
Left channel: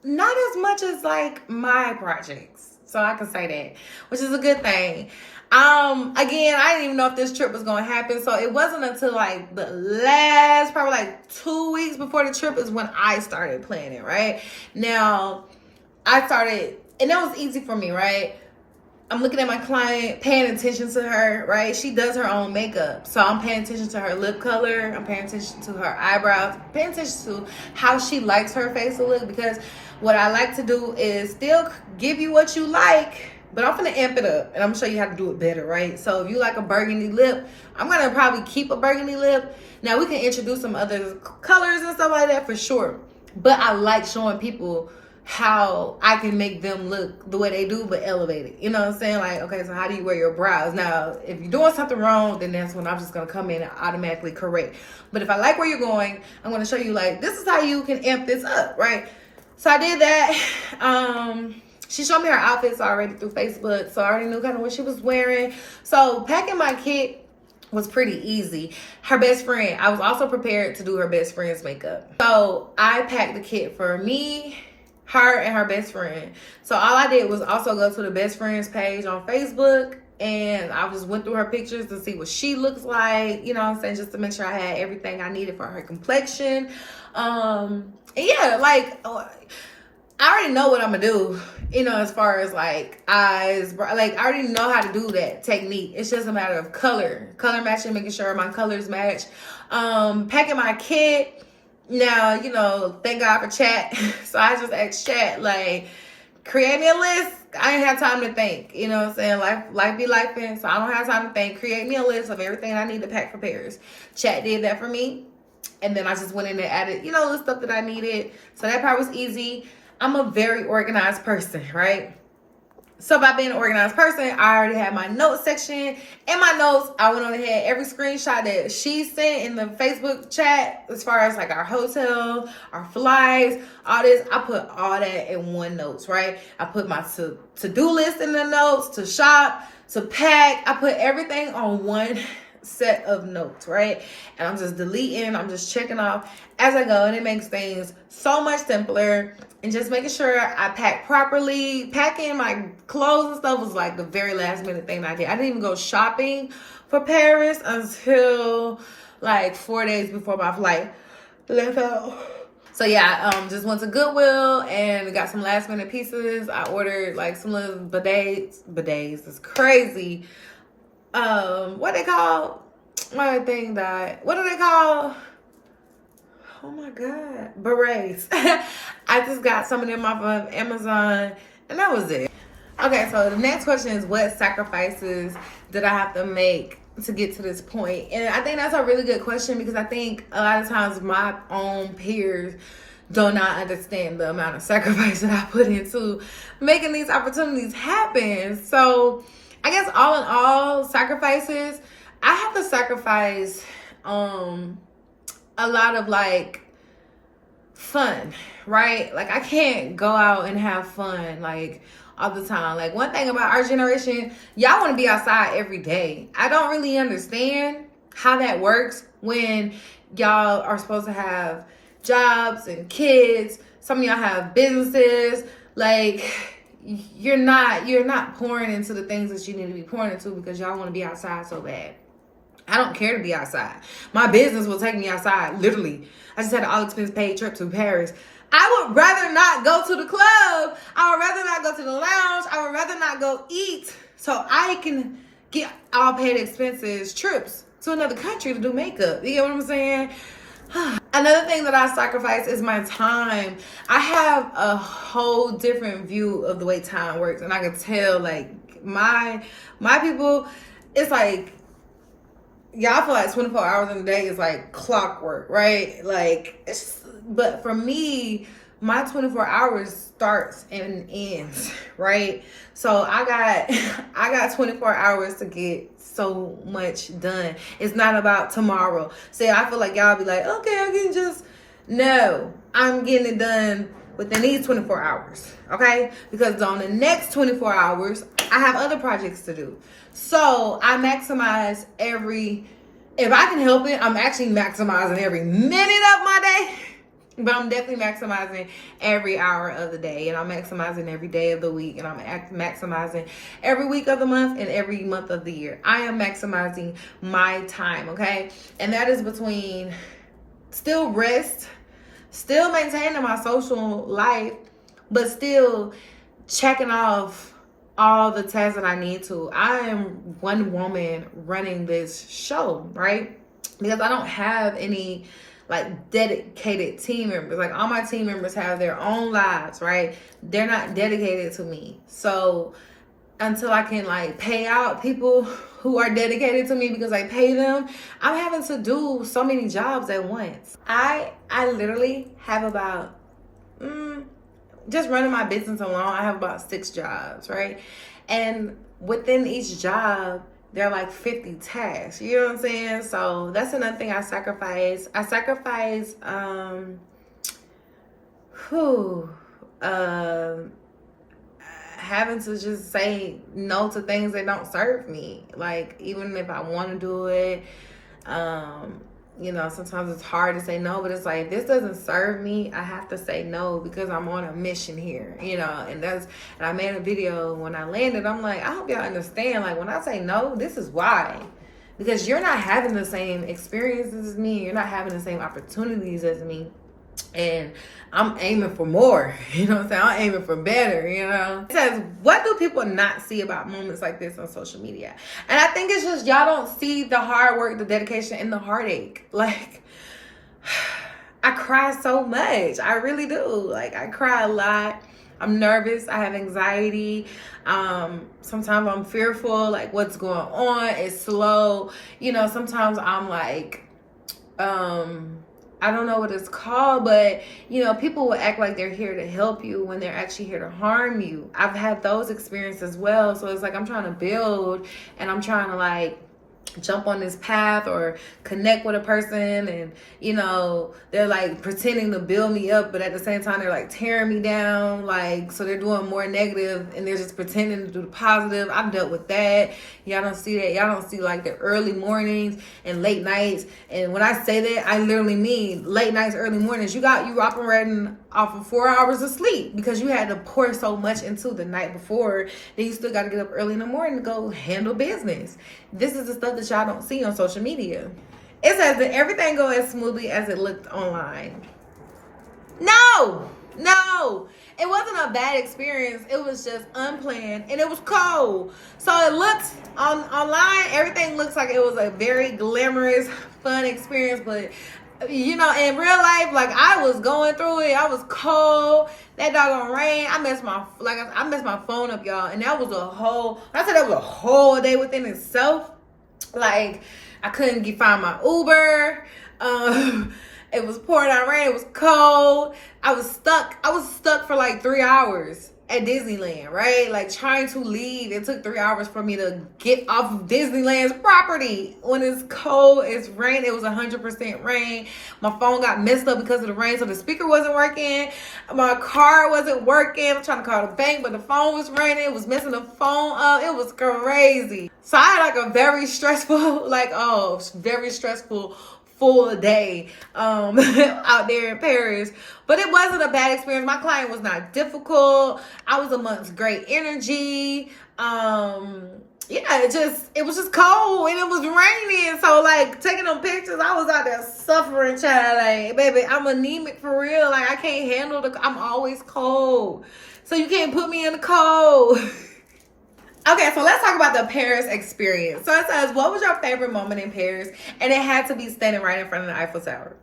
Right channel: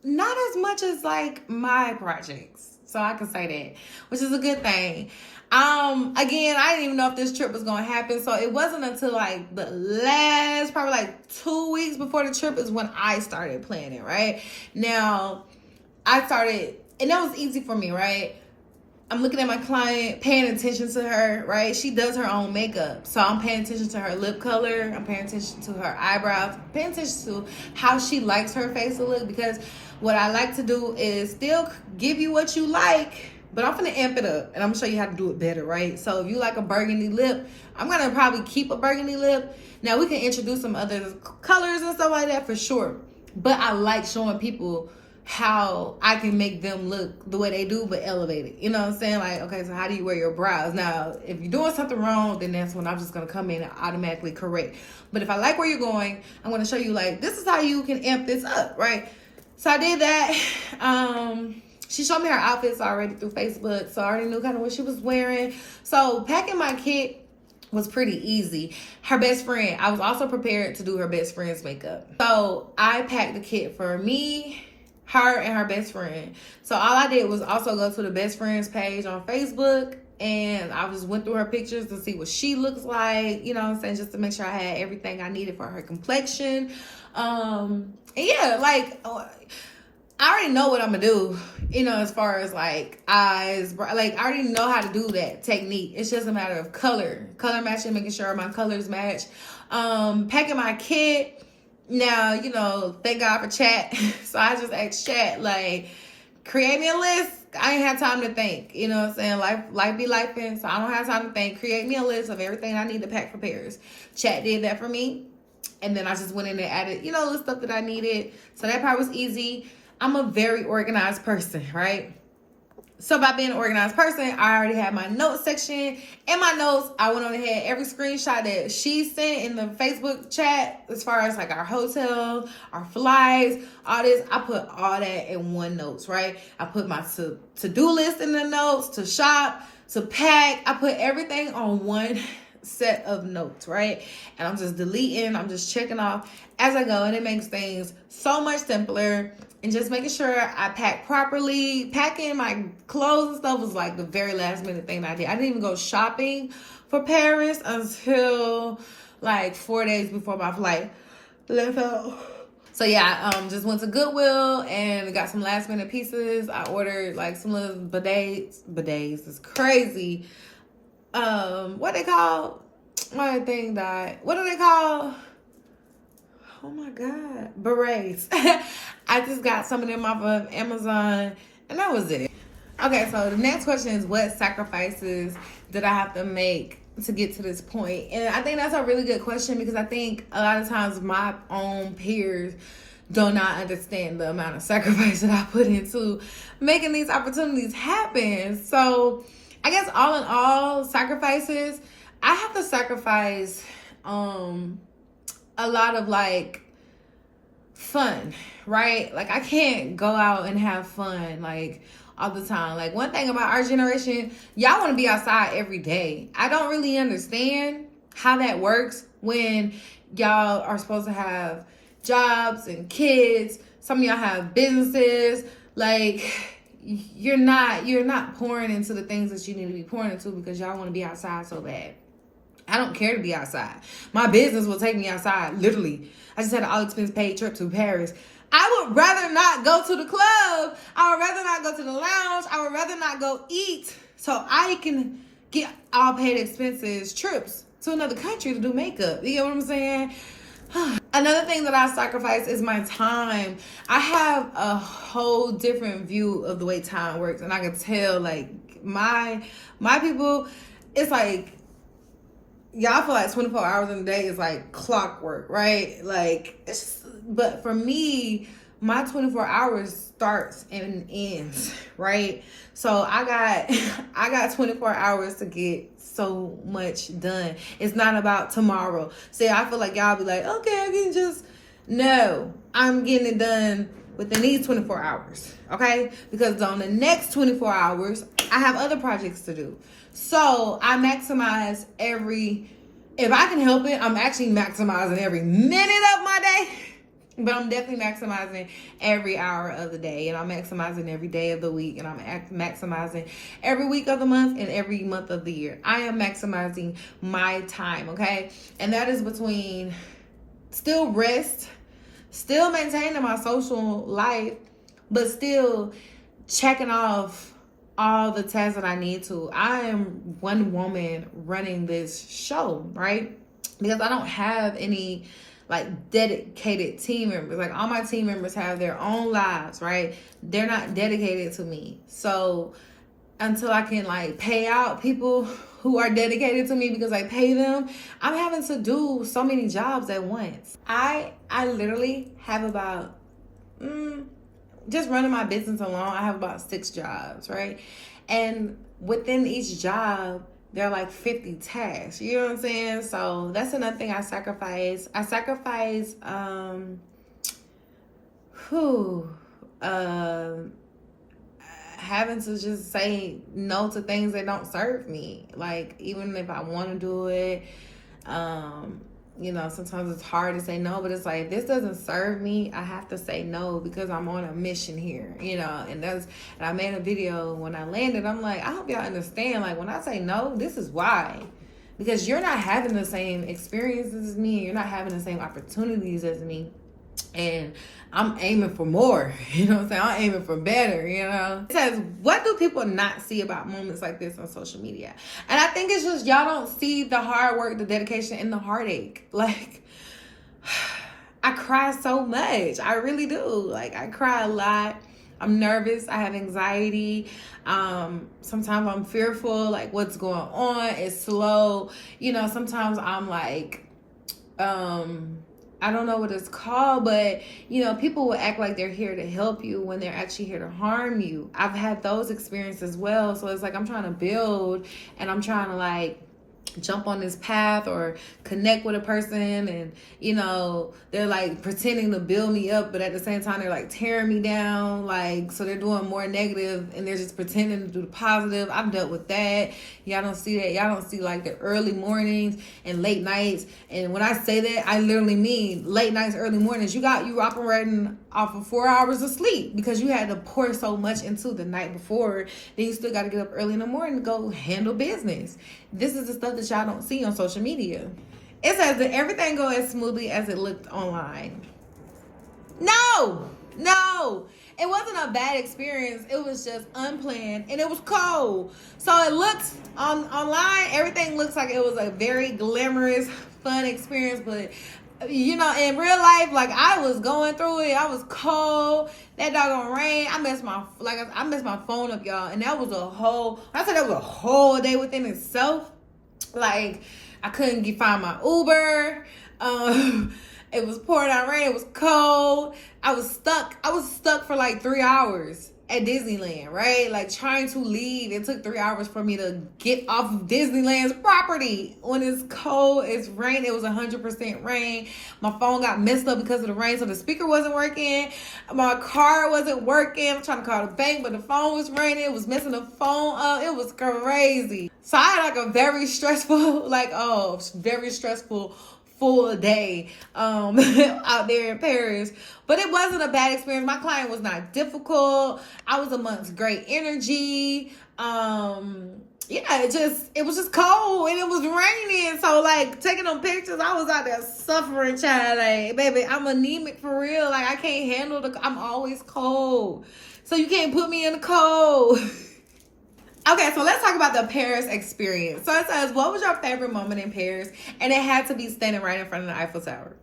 not as much as like my projects. So I can say that, which is a good thing. Again, I didn't even know if this trip was going to happen. So it wasn't until like the last, probably like 2 weeks before the trip is when I started planning, right? Now, I started, and that was easy for me, right? I'm looking at my client, paying attention to her, right? She does her own makeup. So I'm paying attention to her lip color. I'm paying attention to her eyebrows. Paying attention to how she likes her face to look. Because what I like to do is still give you what you like, but I'm going to amp it up. And I'm going to show you how to do it better, right? So if you like a burgundy lip, I'm going to probably keep a burgundy lip. Now, we can introduce some other colors and stuff like that for sure. But I like showing people how I can make them look the way they do, but elevated. You know what I'm saying? Like, okay, so how do you wear your brows? Now, if you're doing something wrong, then that's when I'm just gonna come in and automatically correct. But if I like where you're going, I'm gonna show you, like, this is how you can amp this up, right? So I did that. She showed me her outfits already through Facebook, so I already knew kind of what she was wearing. So packing my kit was pretty easy. Her best friend, I was also prepared to do her best friend's makeup. So I packed the kit for me, her, and her best friend. So all I did was also go to the best friend's page on Facebook, and I just went through her pictures to see what she looks like, you know what I'm saying, just to make sure I had everything I needed for her complexion. And yeah, like, I already know what I'm gonna do, you know, as far as like eyes, like I already know how to do that technique. It's just a matter of color matching, making sure my colors match. Packing my kit. Now, you know, thank God for chat. So I just asked chat, like, create me a list. I ain't have time to think, you know what I'm saying? Life be lifing, so I don't have time to think. Create me a list of everything I need to pack for Paris. Chat did that for me. And then I just went in and added, you know, the stuff that I needed. So that part was easy. I'm a very organized person, right? So by being an organized person, I already had my notes section. In my notes, I went on ahead, every screenshot that she sent in the Facebook chat, as far as like our hotel, our flights, all this, I put all that in one notes, right? I put my to-do list in the notes, to shop, to pack. I put everything on one set of notes, right? And I'm just deleting, I'm just checking off as I go, and it makes things so much simpler. And just making sure I pack properly. Packing my clothes and stuff was like the very last minute thing I did. I didn't even go shopping for Paris until like 4 days before my flight left out. So yeah, just went to Goodwill and got some last minute pieces. I ordered like some little bidets. Bidets is crazy. What they call? My thing died. What do they call? Oh my God, berets. I just got some of them off of Amazon, and that was it. Okay, so the next question is, what sacrifices did I have to make to get to this point? And I think that's a really good question, because I think a lot of times my own peers do not understand the amount of sacrifice that I put into making these opportunities happen. So I guess all in all, sacrifices, I have to sacrifice a lot of like fun, right? Like I can't go out and have fun like all the time. Like one thing about our generation, y'all want to be outside every day. I don't really understand how that works when y'all are supposed to have jobs and kids. Some of y'all have businesses. Like you're not pouring into the things that you need to be pouring into because y'all want to be outside so bad. I don't care to be outside. My business will take me outside, literally. I just had an all-expense paid trip to Paris. I would rather not go to the club. I would rather not go to the lounge. I would rather not go eat so I can get all paid expenses trips to another country to do makeup. You get what I'm saying? Another thing that I sacrifice is my time. I have a whole different view of the way time works, and I can tell like my people, it's like, y'all feel like 24 hours in a day is like clockwork, right? Like, but for me, my 24 hours starts and ends, right? So I got 24 hours to get so much done. It's not about tomorrow. See, I feel like y'all be like, okay, I can just, no, I'm getting it done within these 24 hours, okay? Because on the next 24 hours, I have other projects to do. So I maximize if I can help it, I'm actually maximizing every minute of my day, but I'm definitely maximizing every hour of the day, and I'm maximizing every day of the week, and I'm maximizing every week of the month and every month of the year. I am maximizing my time, okay? And that is between still rest, still maintaining my social life, but still checking off all the tasks that I need to. I am one woman running this show, right? Because I don't have any like dedicated team members. Like all my team members have their own lives, right? They're not dedicated to me. So until I can like pay out people who are dedicated to me because I pay them, I'm having to do so many jobs at once. I literally have about just running my business alone, I have about 6 jobs, right? And within each job, there are like 50 tasks. You know what I'm saying? So that's another thing I sacrifice. I sacrifice having to just say no to things that don't serve me. Like, even if I want to do it, you know, sometimes it's hard to say no, but it's like, this doesn't serve me. I have to say no because I'm on a mission here, you know. And I made a video when I landed. I'm like, I hope y'all understand, like, when I say no, this is why. Because you're not having the same experiences as me. You're not having the same opportunities as me. And I'm aiming for more, you know what I'm saying? I'm aiming for better, you know? It says, what do people not see about moments like this on social media? And I think it's just y'all don't see the hard work, the dedication, and the heartache. Like, I cry so much. I really do. Like, I cry a lot. I'm nervous. I have anxiety. Sometimes I'm fearful, like, what's going on? It's slow. You know, sometimes I'm like, I don't know what it's called, but, you know, people will act like they're here to help you when they're actually here to harm you. I've had those experiences as well. So it's like, I'm trying to build and I'm trying to, like, jump on this path or connect with a person, and, you know, they're like pretending to build me up, but at the same time they're like tearing me down. Like, so they're doing more negative and they're just pretending to do the positive. I've dealt with that. Y'all don't see that. Y'all don't see like the early mornings and late nights. And when I say that, I literally mean late nights, early mornings. You operating off of 4 hours of sleep because you had to pour so much into the night before. Then you still got to get up early in the morning to go handle business. This is the stuff that y'all don't see on social media. It says that everything goes as smoothly as it looked online. No. It wasn't a bad experience. It was just unplanned and it was cold. So it looks online, everything looks like it was a very glamorous, fun experience. But, you know, in real life, like, I was going through it. I was cold. That doggone rain. I messed my phone up, y'all. And that was I said that was a whole day within itself. Like, I couldn't find my Uber. It was pouring out rain. It was cold. I was stuck for like 3 hours at Disneyland, right? Like, trying to leave. It took 3 hours for me to get off of Disneyland's property when it's cold, it's rain. It was 100% rain. My phone got messed up because of the rain, so the speaker wasn't working. My car wasn't working. I'm trying to call the bank, but the phone was raining. It was messing the phone up. It was crazy. So I had like a very stressful, very stressful full day out there in Paris. But it wasn't a bad experience. My client was not difficult. I was amongst great energy. It was just cold and it was raining. So, like, taking them pictures, I was out there suffering, child. Like, baby, I'm anemic for real. Like, I can't handle I'm always cold. So you can't put me in the cold. Okay, so let's talk about the Paris experience. So it says, what was your favorite moment in Paris? And it had to be standing right in front of the Eiffel Tower.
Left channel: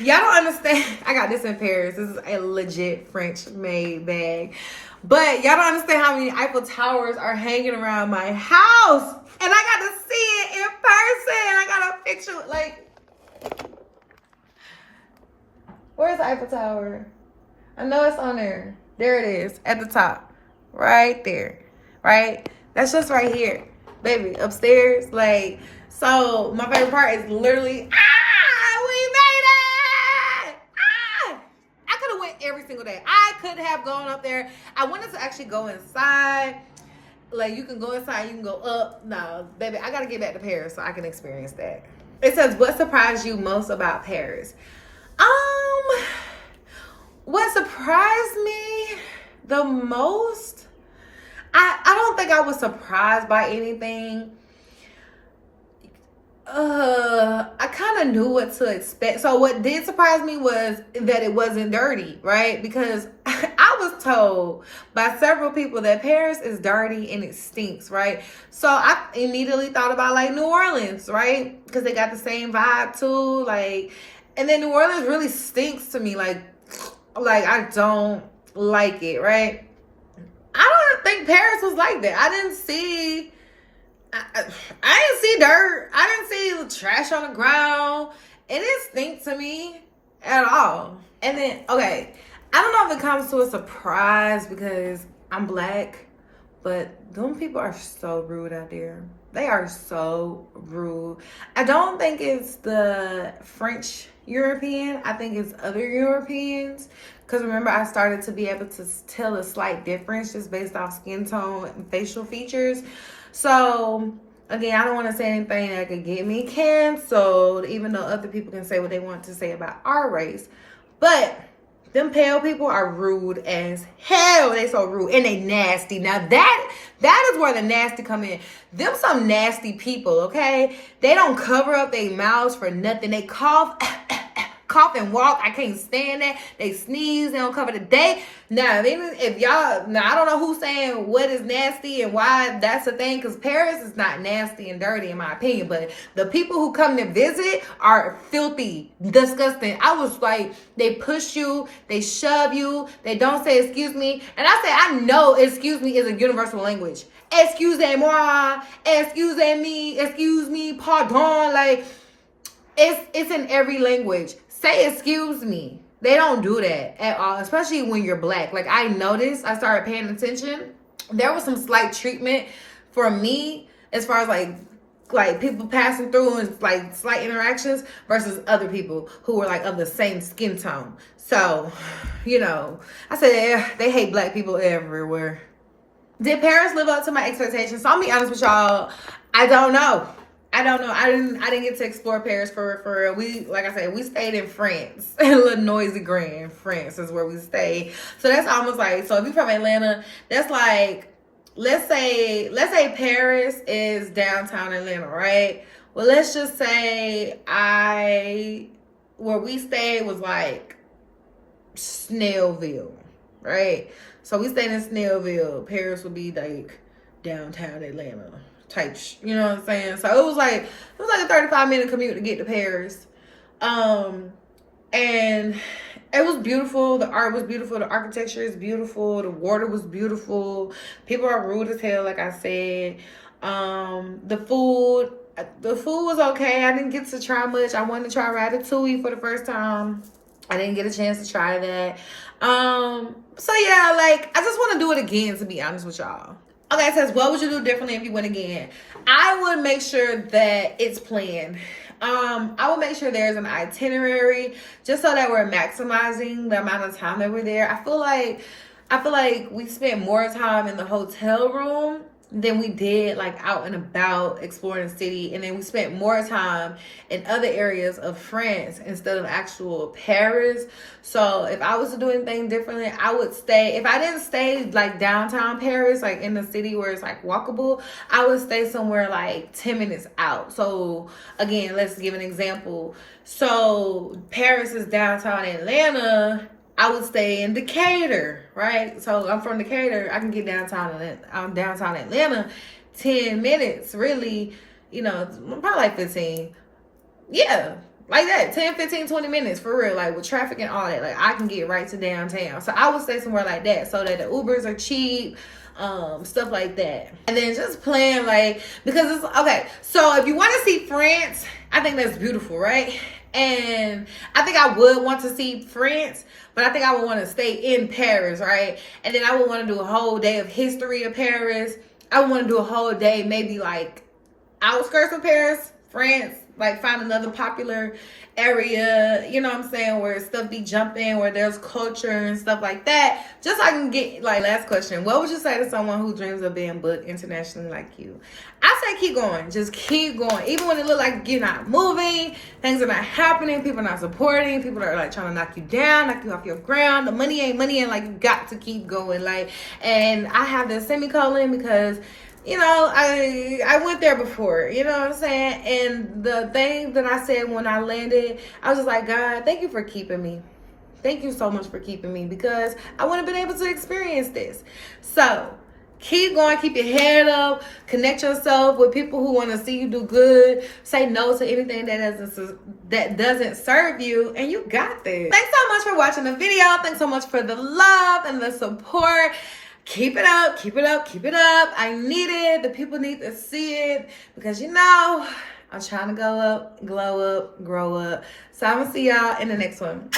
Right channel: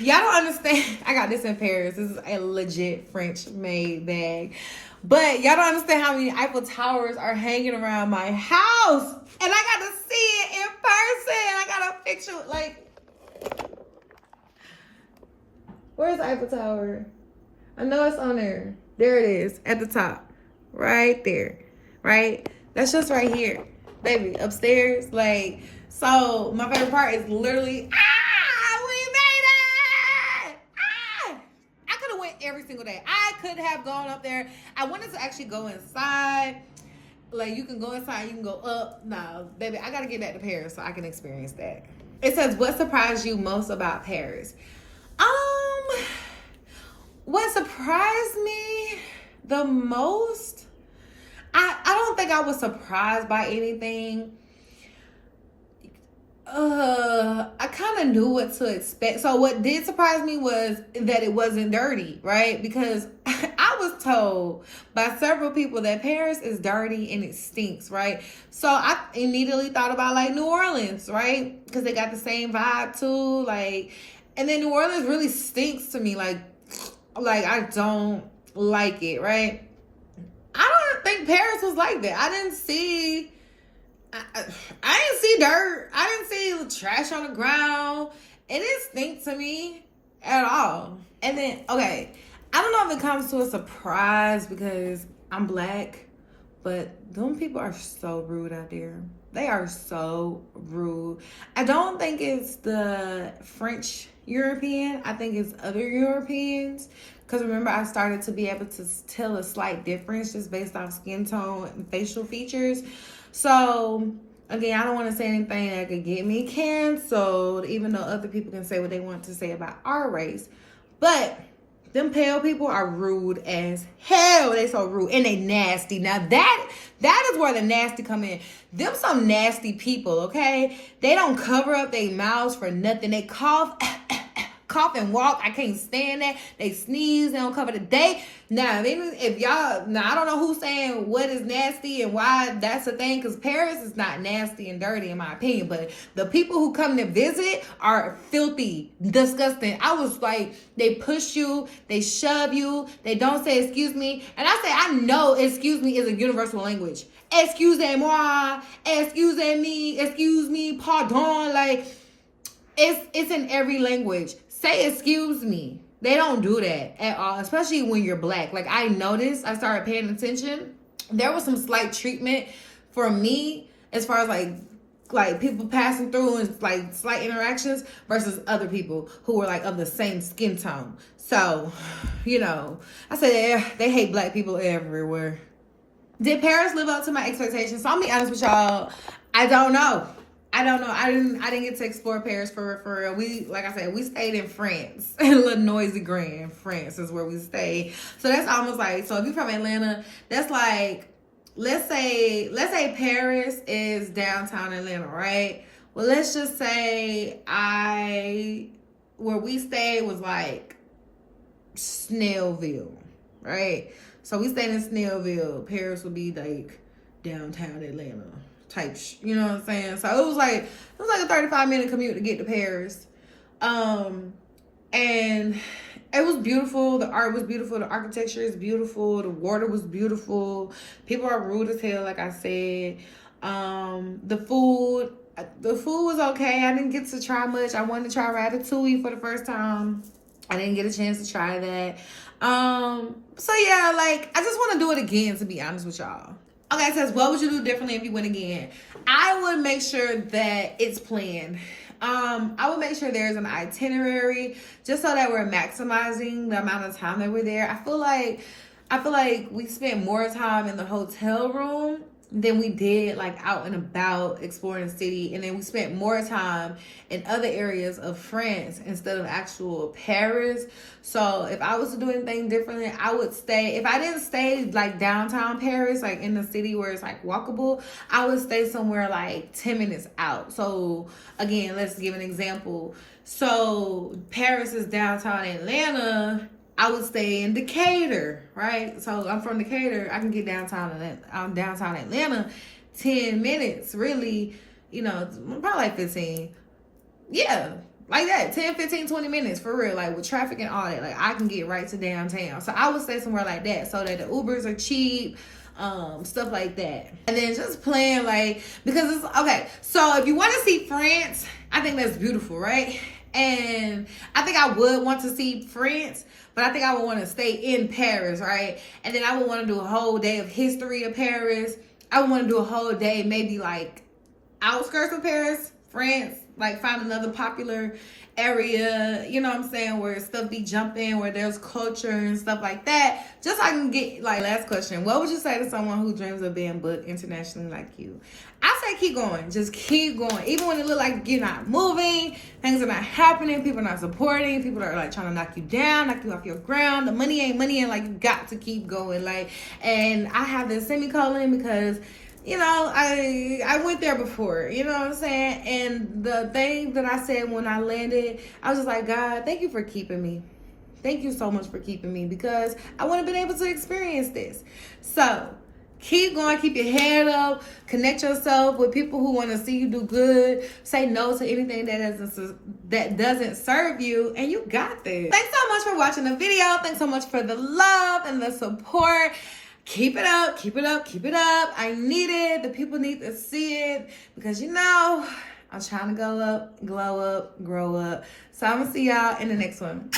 Y'all don't understand. I got this in Paris. This is a legit French-made bag. But y'all don't understand how many Eiffel Towers are hanging around my house. And I got to see it in person. I got a picture. Like, where's the Eiffel Tower? I know it's on there. There it is, at the top. Right there, right? That's just right here, baby, upstairs. Like, so my favorite part is literally, we made it! I could have went every single day. I could have gone up there. I wanted to actually go inside. Like, you can go inside, you can go up. No, baby, I gotta get back to Paris so I can experience that. It says, what surprised you most about Paris? What surprised me the most? I don't think I was surprised by anything. I kind of knew what to expect. So what did surprise me was that it wasn't dirty, right? Because I was told by several people that Paris is dirty and it stinks, right? So I immediately thought about like New Orleans, right? Because they got the same vibe too. Like, and then New Orleans really stinks to me. Like I don't like it, right? I don't think Paris was like that. I didn't see dirt. I didn't see trash on the ground. It didn't stink to me at all. And then, okay, I don't know if it comes to a surprise because I'm black, but them people are so rude out there. They are so rude. I don't think it's the French European. I think it's other Europeans. Because remember, I started to be able to tell a slight difference just based off skin tone and facial features. So, again, I don't want to say anything that could get me canceled, even though other people can say what they want to say about our race. But them pale people are rude as hell. They so rude and they nasty. Now that is where the nasty come in. Them some nasty people, okay? They don't cover up their mouths for nothing. They cough, cough and walk. I can't stand that. They sneeze. They don't cover the day. Now, if y'all, now I don't know who's saying what is nasty and why that's a thing, because Paris is not nasty and dirty in my opinion, but the people who come to visit are filthy, disgusting. I was like, they push you, they shove you, they don't say excuse me. And I say, I know excuse me is a universal language. Excusez-moi, excuse me, pardon. Like, it's in every language. Say excuse me. They don't do that at all, especially when you're black. Like, I noticed, I started paying attention. There was some slight treatment for me as far as like people passing through and like slight interactions versus other people who were like of the same skin tone. So, you know, I said they hate black people everywhere. Did Paris live up to my expectations? So I'll be honest with y'all, I don't know. I didn't get to explore Paris for real. We, like I said, we stayed in France. Le Noisy-Grand, France is where we stayed. So that's almost like, so if you're from Atlanta, that's like, let's say Paris is downtown Atlanta, right? Well, let's just say where we stayed was like Snellville, right? So we stayed in Snellville. Paris would be like downtown Atlanta type, you know what I'm saying? So it was like a 35-minute commute to get to Paris. And it was beautiful. The art was beautiful. The architecture is beautiful. The water was beautiful. People are rude as hell, like I said. The food was okay. I didn't get to try much. I wanted to try ratatouille for the first time. I didn't get a chance to try that. So yeah, like, I just want to do it again, to be honest with y'all. Okay, it says, what would you do differently if you went again? I would make sure that it's planned. I would make sure there's an itinerary just so that we're maximizing the amount of time that we're there. I feel like we spent more time in the hotel room than we did like out and about exploring the city, and then we spent more time in other areas of France instead of actual Paris. So if I was to do anything differently, I would stay, if I didn't stay like downtown Paris, like in the city where it's like walkable, I would stay somewhere like 10 minutes out. So again, let's give an example. So Paris is downtown Atlanta, I would stay in Decatur, right? So I'm from Decatur. I can get downtown Atlanta 10 minutes, really, you know, probably like 15. Yeah, like that, 10, 15, 20 minutes for real, like with traffic and all that. Like, I can get right to downtown. So I would stay somewhere like that so that the Ubers are cheap, stuff like that. And then just plan, like, because it's, okay, so if you want to see France, I think that's beautiful, right? And I think I would want to see France, but I think I would want to stay in Paris, right? And then I would want to do a whole day of history of Paris. I would want to do a whole day, maybe like outskirts of Paris, France, like find another popular area, you know what I'm saying, where stuff be jumping, where there's culture and stuff like that. Just so I can get, like, last question. What would you say to someone who dreams of being booked internationally like you? I say keep going. Just keep going. Even when it look like you're not moving, things are not happening, people are not supporting, people are like trying to knock you down, knock you off your ground. The money ain't money, and like you got to keep going. Like, and I have this semicolon because, you know, I went there before, you know what I'm saying? And the thing that I said when I landed, I was just like, God, thank you for keeping me. Thank you so much for keeping me, because I wouldn't have been able to experience this. So keep going, keep your head up, connect yourself with people who want to see you do good, say no to anything that doesn't serve you, and you got this. Thanks so much for watching the video. Thanks so much for the love and the support. Keep it up, keep it up, keep it up. I need it. The people need to see it, because, you know, I'm trying to go up, glow up, grow up. So I'm going to see y'all in the next one.